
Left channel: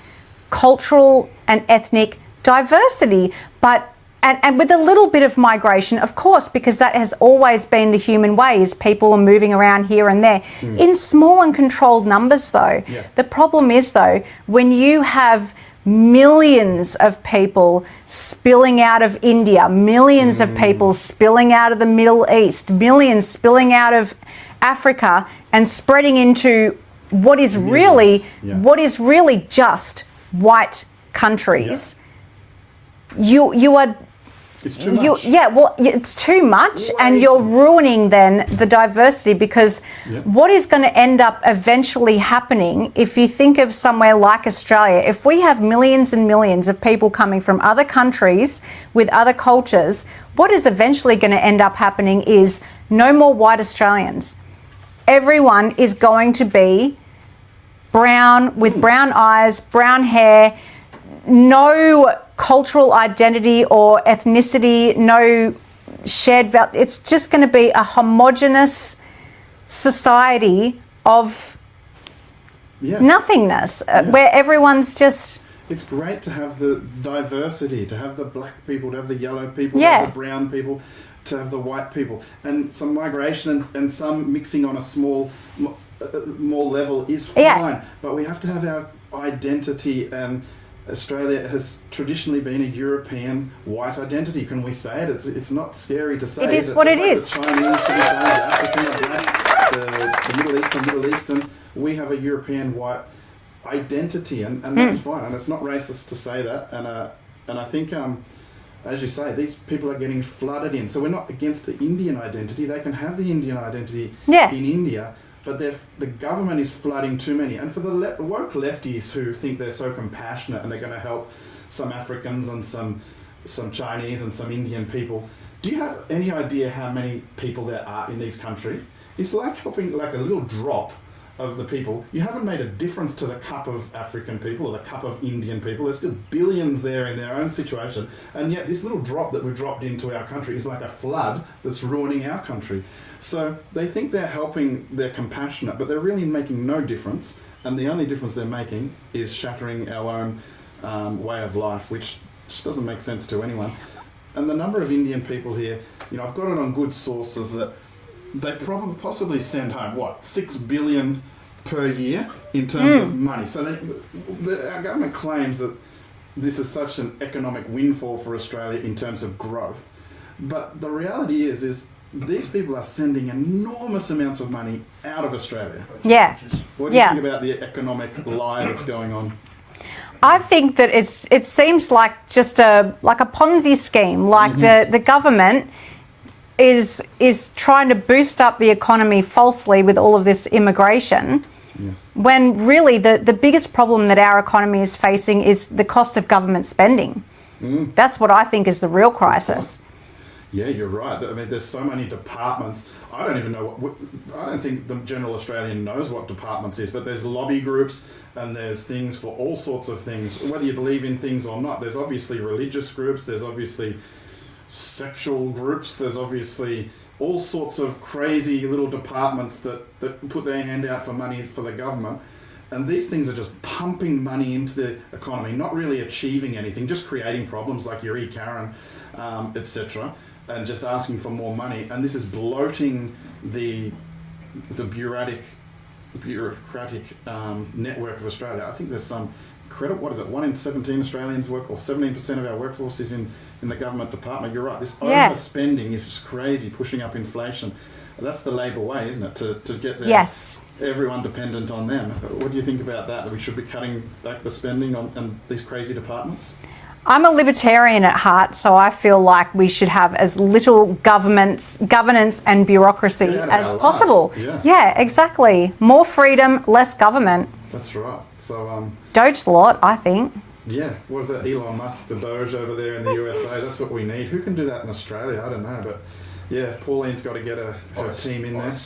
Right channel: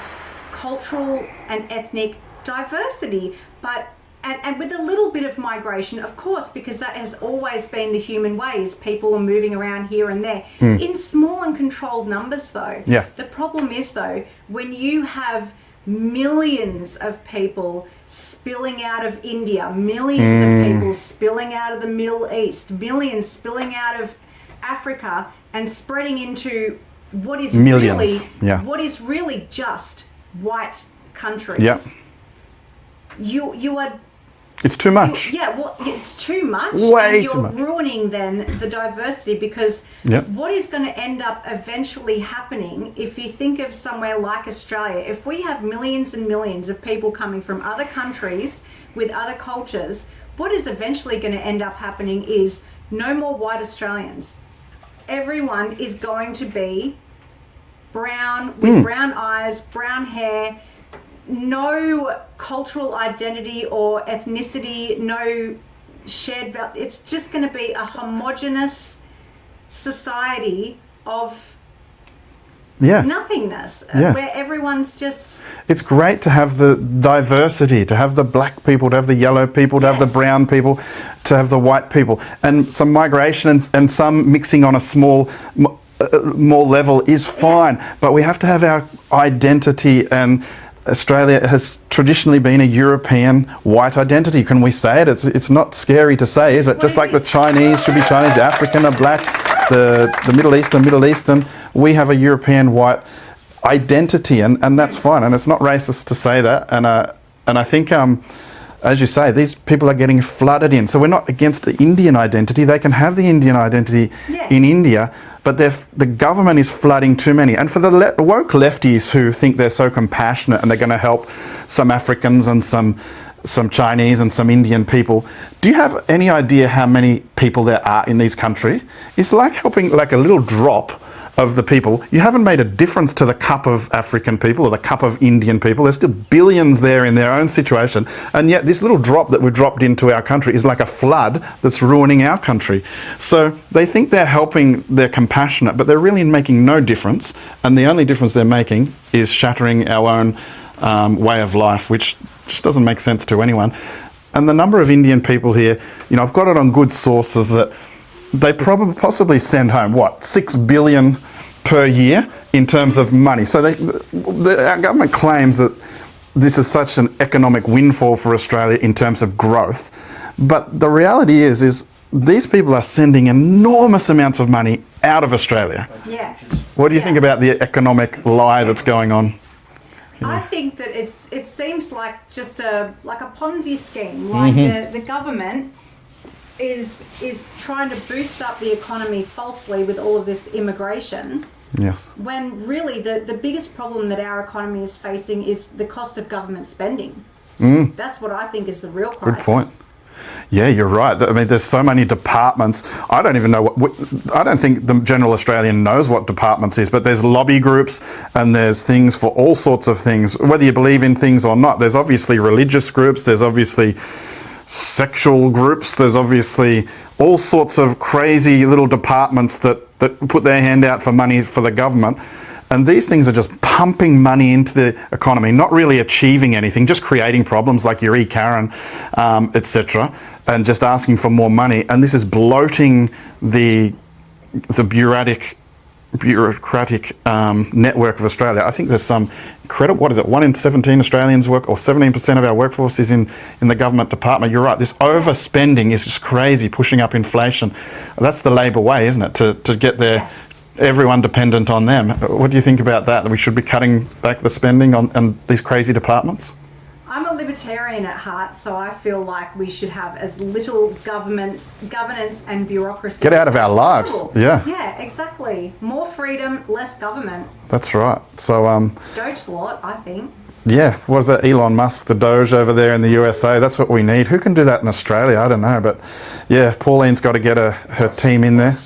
cultural and ethnic diversity. But and with a little bit of migration, of course, because that has always been the human way, is people are moving around here and there. In small and controlled numbers, though. Yeah. The problem is, though, when you have millions of people spilling out of India, millions of people spilling out of the Middle East, millions spilling out of Africa and spreading into what is really just white countries. You are... It's too much. It's too much. Way and you're too much. ruining then the diversity, because what is going to end up eventually happening, if you think of somewhere like Australia, if we have millions and millions of people coming from other countries with other cultures, what is eventually going to end up happening is no more white Australians. Everyone is going to be brown, with brown eyes, brown hair, no cultural identity or ethnicity, no shared value. It's just going to be a homogenous society of nothingness, where everyone's just... It's great to have the diversity, to have the black people, to have the yellow people, to have the brown people, to have the white people, and some migration and some mixing on a small more level is fine. But we have to have our identity, and Australia has traditionally been a European white identity. Can we say it? It's not scary to say, is it? Just like the Chinese should be Chinese, the African are black, the Middle Eastern. We have a European white identity, and that's fine. And it's not racist to say that. And I think, as you say, these people are getting flooded in. So we're not against the Indian identity. They can have the Indian identity in India, but the government is flooding too many. And for the woke lefties who think they're so compassionate and they're going to help some Africans and some Chinese and some Indian people, do you have any idea how many people there are in these countries? It's like helping like a little drop of the people. You haven't made a difference to the cup of African people or the cup of Indian people. There's still billions there in their own situation, and yet this little drop that we've dropped into our country is like a flood that's ruining our country. So they think they're helping, they're compassionate, but they're really making no difference, and the only difference they're making is shattering our own way of life, which just doesn't make sense to anyone. And the number of Indian people here, you know, I've got it on good sources that they possibly send home, what, 6 billion per year in terms of money. So our government claims that this is such an economic windfall for Australia in terms of growth. But the reality is these people are sending enormous amounts of money out of Australia. Yeah. What do you think about the economic lie that's going on? I think that it seems like just a Ponzi scheme, like the government is trying to boost up the economy falsely with all of this immigration. Yes. When really the biggest problem that our economy is facing is the cost of government spending. That's what I think is the real crisis. Good point. Yeah, you're right. I mean, there's so many departments. I don't even know I don't think the general Australian knows what departments is, but there's lobby groups and there's things for all sorts of things, whether you believe in things or not. There's obviously religious groups, there's obviously sexual groups, there's obviously all sorts of crazy little departments that put their hand out for money for the government. And these things are just pumping money into the economy, not really achieving anything, just creating problems like your E-Karen, etc., and just asking for more money. And this is bloating the bureaucratic network of Australia. I think there's some incredible, what is it, 1 in 17 Australians work, or 17% of our workforce is in the government department. You're right, this overspending is just crazy, pushing up inflation. That's the Labor way, isn't it, to get their everyone dependent on them. What do you think about that we should be cutting back the spending on these crazy departments? I'm a libertarian at heart, so I feel like we should have as little governance and bureaucracy Get out of as our lives. possible. Yeah, exactly. More freedom, less government. That's right. So, Doge the lot, I think. yeah, what is that? Elon Musk, the Doge over there in the USA. That's what we need. Who can do that in Australia? I don't know, but yeah, Pauline's got to get her team in there.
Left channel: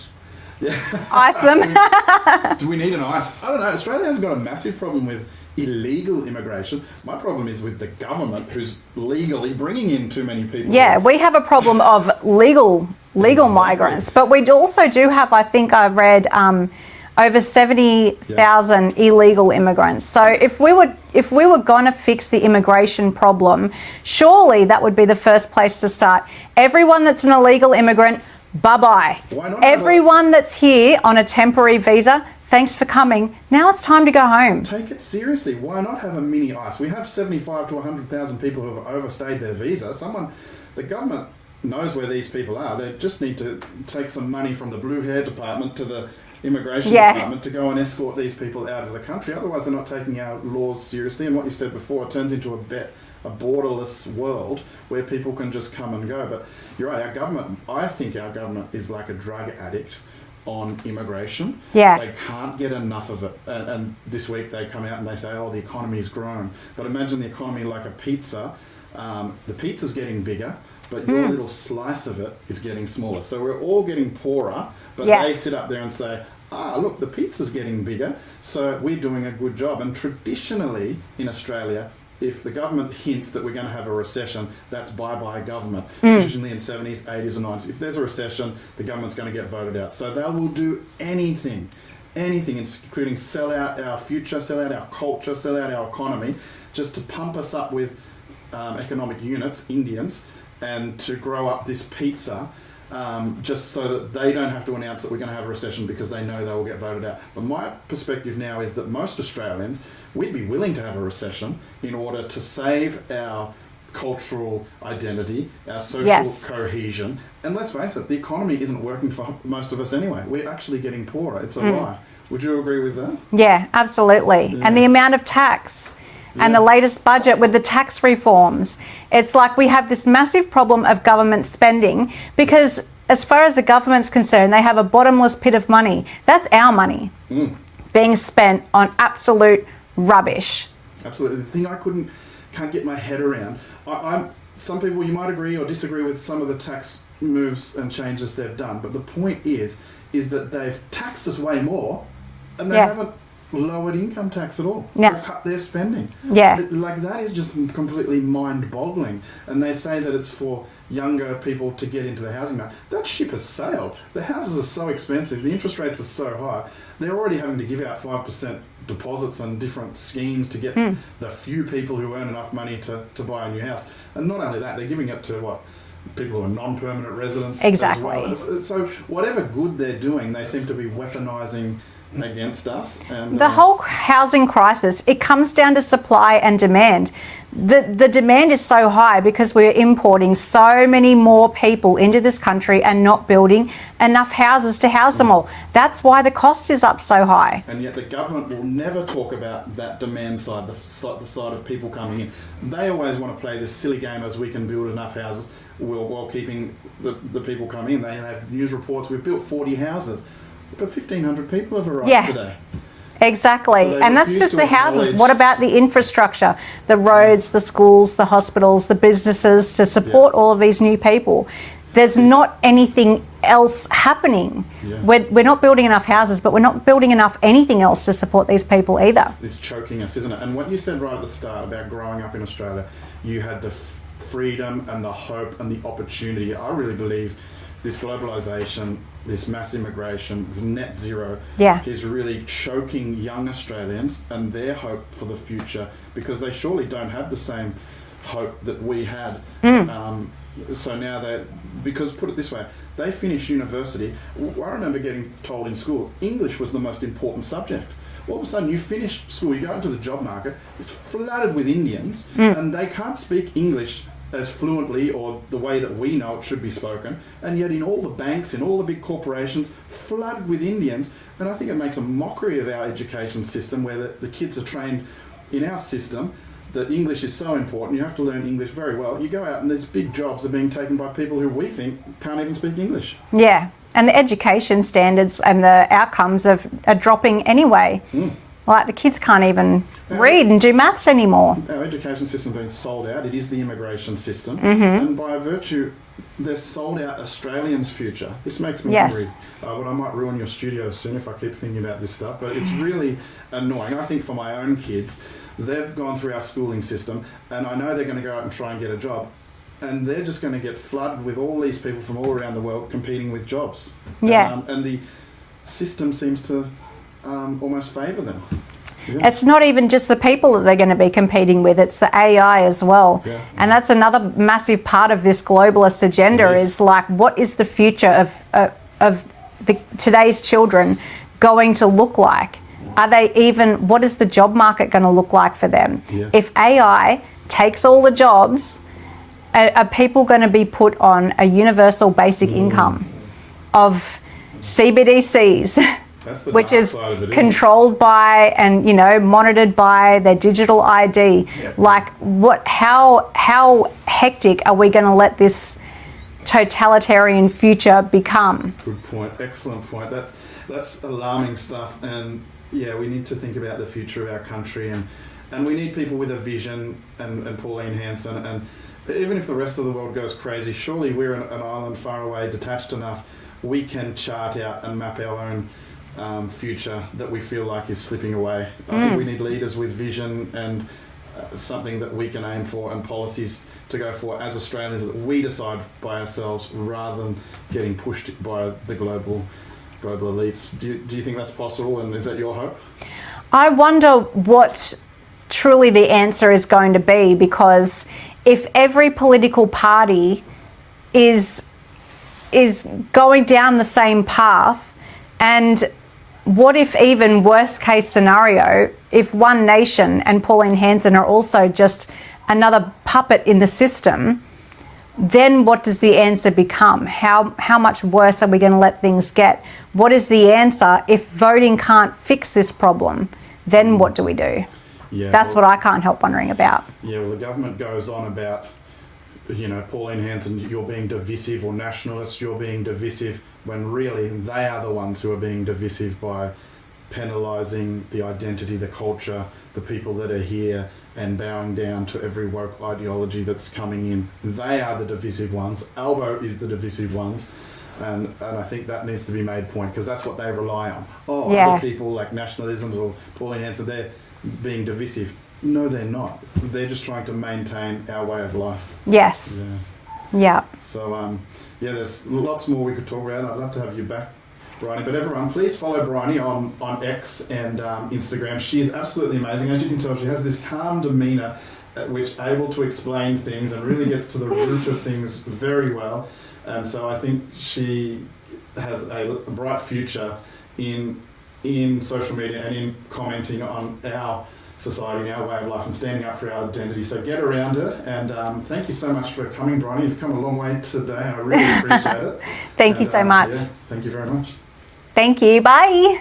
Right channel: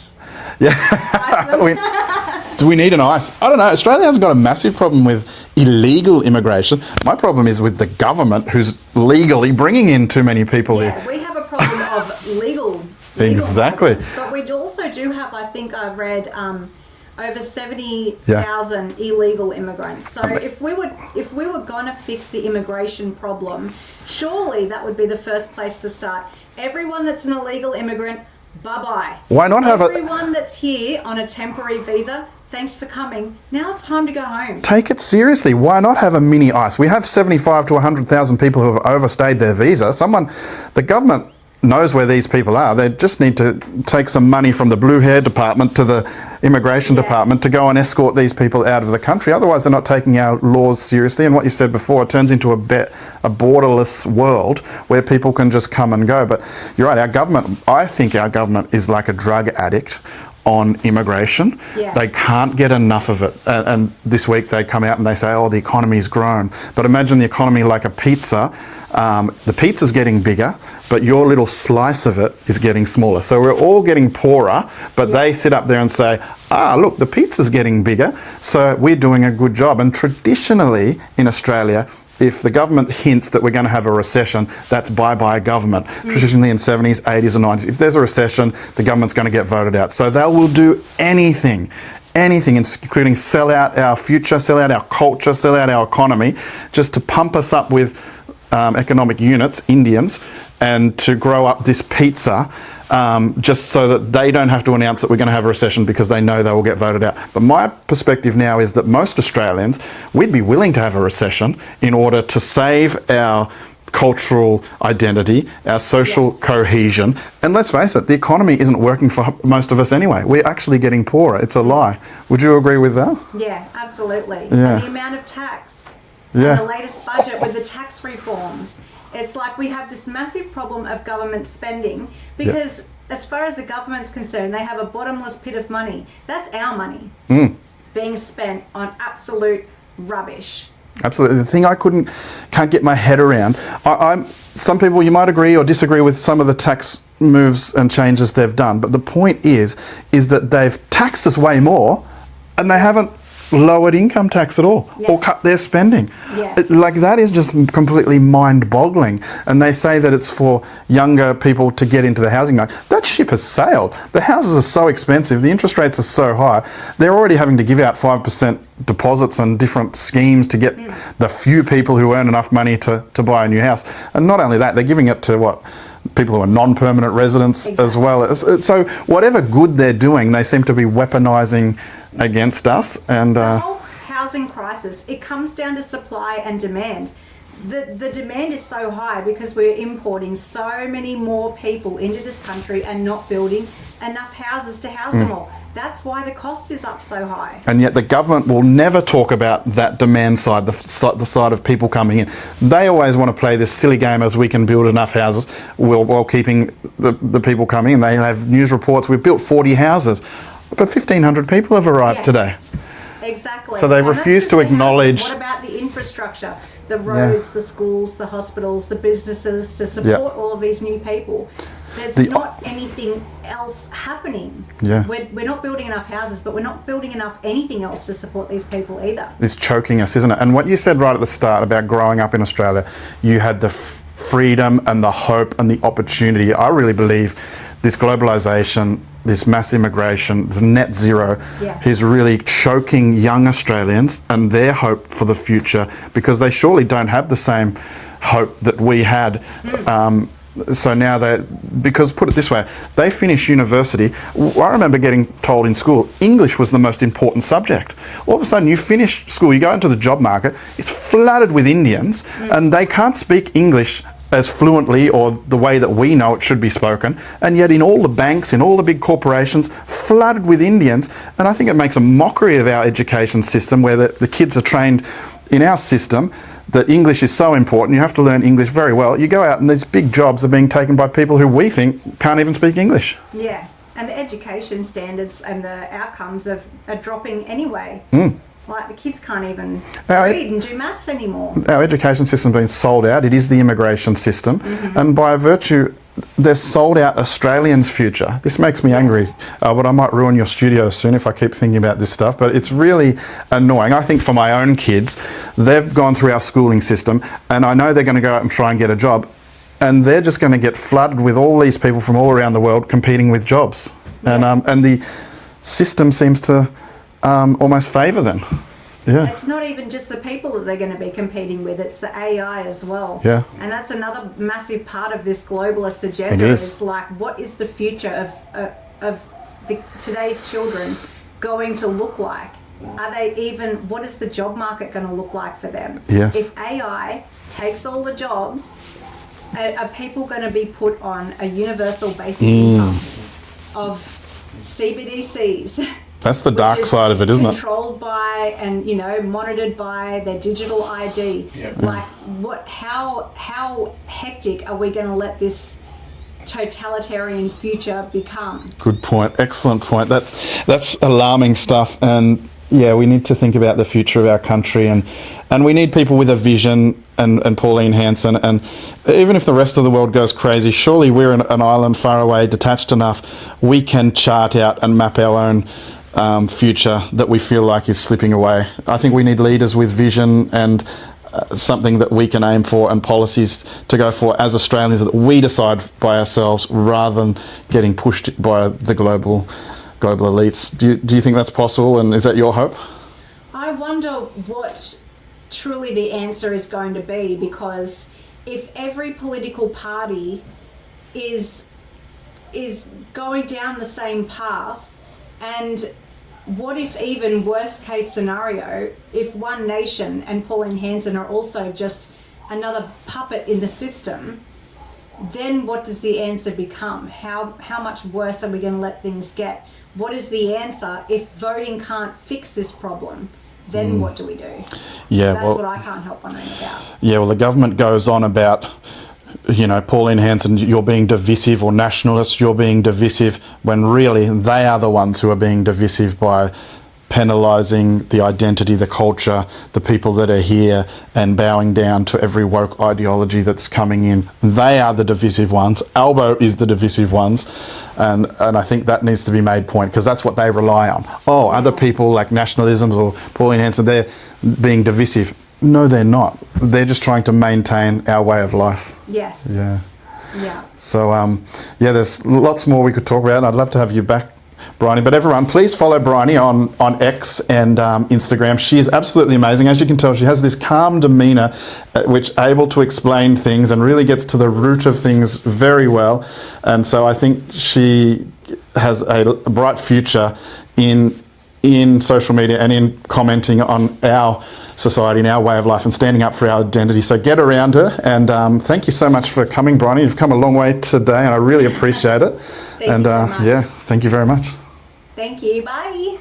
Yeah. Ice them. Do we need an ICE? I don't know. Australia hasn't got a massive problem with illegal immigration. My problem is with the government who's legally bringing in too many people. Yeah, here. we have a problem of legal Exactly. migrants, but we also do have, I think I read, over 70,000 illegal immigrants. So if we were going to fix the immigration problem, surely that would be the first place to start. Everyone that's an illegal immigrant, bye-bye. Why not have everyone that's here on a temporary visa, thanks for coming. Now it's time to go home. Take it seriously. Why not have a mini ICE? We have 75 to 100,000 people who have overstayed their visa. The government knows where these people are. They just need to take some money from the blue hair department to the immigration department to go and escort these people out of the country. Otherwise, they're not taking our laws seriously. And what you said before, it turns into a borderless world where people can just come and go. But you're right, I think our government is like a drug addict on immigration. Yeah. They can't get enough of it. And this week they come out and they say, oh, the economy's grown. But imagine the economy like a pizza. The pizza's getting bigger, but your little slice of it is getting smaller. So we're all getting poorer, but they sit up there and say, look, the pizza's getting bigger, so we're doing a good job. And traditionally in Australia, if the government hints that we're going to have a recession, that's bye-bye government. Traditionally in 70s, 80s and 90s, if there's a recession, the government's going to get voted out. So they will do anything, including sell out our future, sell out our culture, sell out our economy, just to pump us up with economic units, Indians, and to grow up this pizza just so that they don't have to announce that we're going to have a recession because they know they will get voted out. But my perspective now is that most Australians, we'd be willing to have a recession in order to save our cultural identity, our social cohesion. And let's face it, the economy isn't working for most of us anyway. We're actually getting poorer. It's a lie. Would you agree with that? Yeah, absolutely. Yeah. And the amount of tax. And the latest budget with the tax reforms. It's like we have this massive problem of government spending because as far as the government's concerned, they have a bottomless pit of money. That's our money being spent on absolute rubbish. Absolutely. The thing I can't get my head around, some people, you might agree or disagree with some of the tax moves and changes they've done, but the point is that they've taxed us way more and they haven't lowered income tax at all or cut their spending. Like that is just completely mind-boggling. And they say that it's for younger people to get into the housing market. That ship has sailed. The houses are so expensive, the interest rates are so high, they're already having to give out 5% deposits and different schemes to get the few people who earn enough money to buy a new house. And not only that, they're giving it to people who are non-permanent residents as well. So whatever good they're doing, they seem to be weaponising against us. And the whole housing crisis, it comes down to supply and demand. The demand is so high because we're importing so many more people into this country and not building enough houses to house them all. That's why the cost is up so high. And yet the government will never talk about that demand side, the side of people coming in. They always want to play this silly game as we can build enough houses while keeping the people coming in. They have news reports, we've built 40 houses, but 1,500 people have arrived today. Exactly. So they and that's refuse just to the acknowledge. houses. What about the infrastructure, the roads, the schools, the hospitals, the businesses to support all of these new people? There's not anything else happening. We're not building enough houses, but we're not building enough anything else to support these people either. It's choking us, isn't it? And what you said right at the start about growing up in Australia, you had the freedom and the hope and the opportunity. I really believe this globalisation, this mass immigration, this net zero is really choking young Australians and their hope for the future because they surely don't have the same hope that we had. So now because put it this way, they finish university. I remember getting told in school, English was the most important subject. All of a sudden you finish school, you go into the job market, it's flooded with Indians and they can't speak English as fluently or the way that we know it should be spoken, and yet in all the banks, in all the big corporations, flooded with Indians. And I think it makes a mockery of our education system where the kids are trained in our system that English is so important. You have to learn English very well. You go out and these big jobs are being taken by people who we think can't even speak English. Yeah, and the education standards and the outcomes are dropping anyway. Like the kids can't even read and do maths anymore. Our education system's been sold out. It is the immigration system. And by virtue, they've sold out Australians' future. This makes me angry. But I might ruin your studio soon if I keep thinking about this stuff. But it's really annoying. I think for my own kids, they've gone through our schooling system and I know they're going to go out and try and get a job. And they're just going to get flooded with all these people from all around the world competing with jobs. And the system seems to almost favour them. It's not even just the people that they're going to be competing with, it's the AI as well. And that's another massive part of this globalist agenda is like, what is the future of today's children going to look like? Are they even, what is the job market going to look like for them? If AI takes all the jobs, are people going to be put on a universal basic income of CBDCs? That's the dark side of it, isn't it? Controlled by and, you know, monitored by their digital ID. Like, how hectic are we going to let this totalitarian future become? Good point. Excellent point. That's alarming stuff. And yeah, we need to think about the future of our country, and we need people with a vision. And Pauline Hanson, and even if the rest of the world goes crazy, surely we're an island far away, detached enough, we can chart out and map our own future that we feel like is slipping away. I think we need leaders with vision and something that we can aim for and policies to go for as Australians that we decide by ourselves rather than getting pushed by the global elites. Do you think that's possible, and is that your hope? I wonder what truly the answer is going to be, because if every political party is going down the same path, and what if, even worst case scenario, if One Nation and Pauline Hanson are also just another puppet in the system, then what does the answer become? How much worse are we going to let things get? What is the answer if voting can't fix this problem? Then what do we do? That's what I can't help wondering about. Well, the government goes on about, you know, Pauline Hanson, you're being divisive, or nationalists, you're being divisive, when really they are the ones who are being divisive by penalising the identity, the culture, the people that are here, and bowing down to every woke ideology that's coming in. They are the divisive ones. Albo is the divisive ones. And I think that needs to be made point, because that's what they rely on. Other people like Nationalism or Pauline Hanson, they're being divisive. No, they're not. They're just trying to maintain our way of life. Yes. So, there's lots more we could talk about. I'd love to have you back, Briony. But everyone, please follow Briony on X and Instagram. She is absolutely amazing. As you can tell, she has this calm demeanour which able to explain things and really gets to the root of things very well. And so I think she has a bright future in social media and in commenting on our society and our way of life and standing up for our identity. So get around her, and thank you so much for coming, Briony. You've come a long way today and I really appreciate it. Thank you so much. Thank you very much. Thank you. Bye.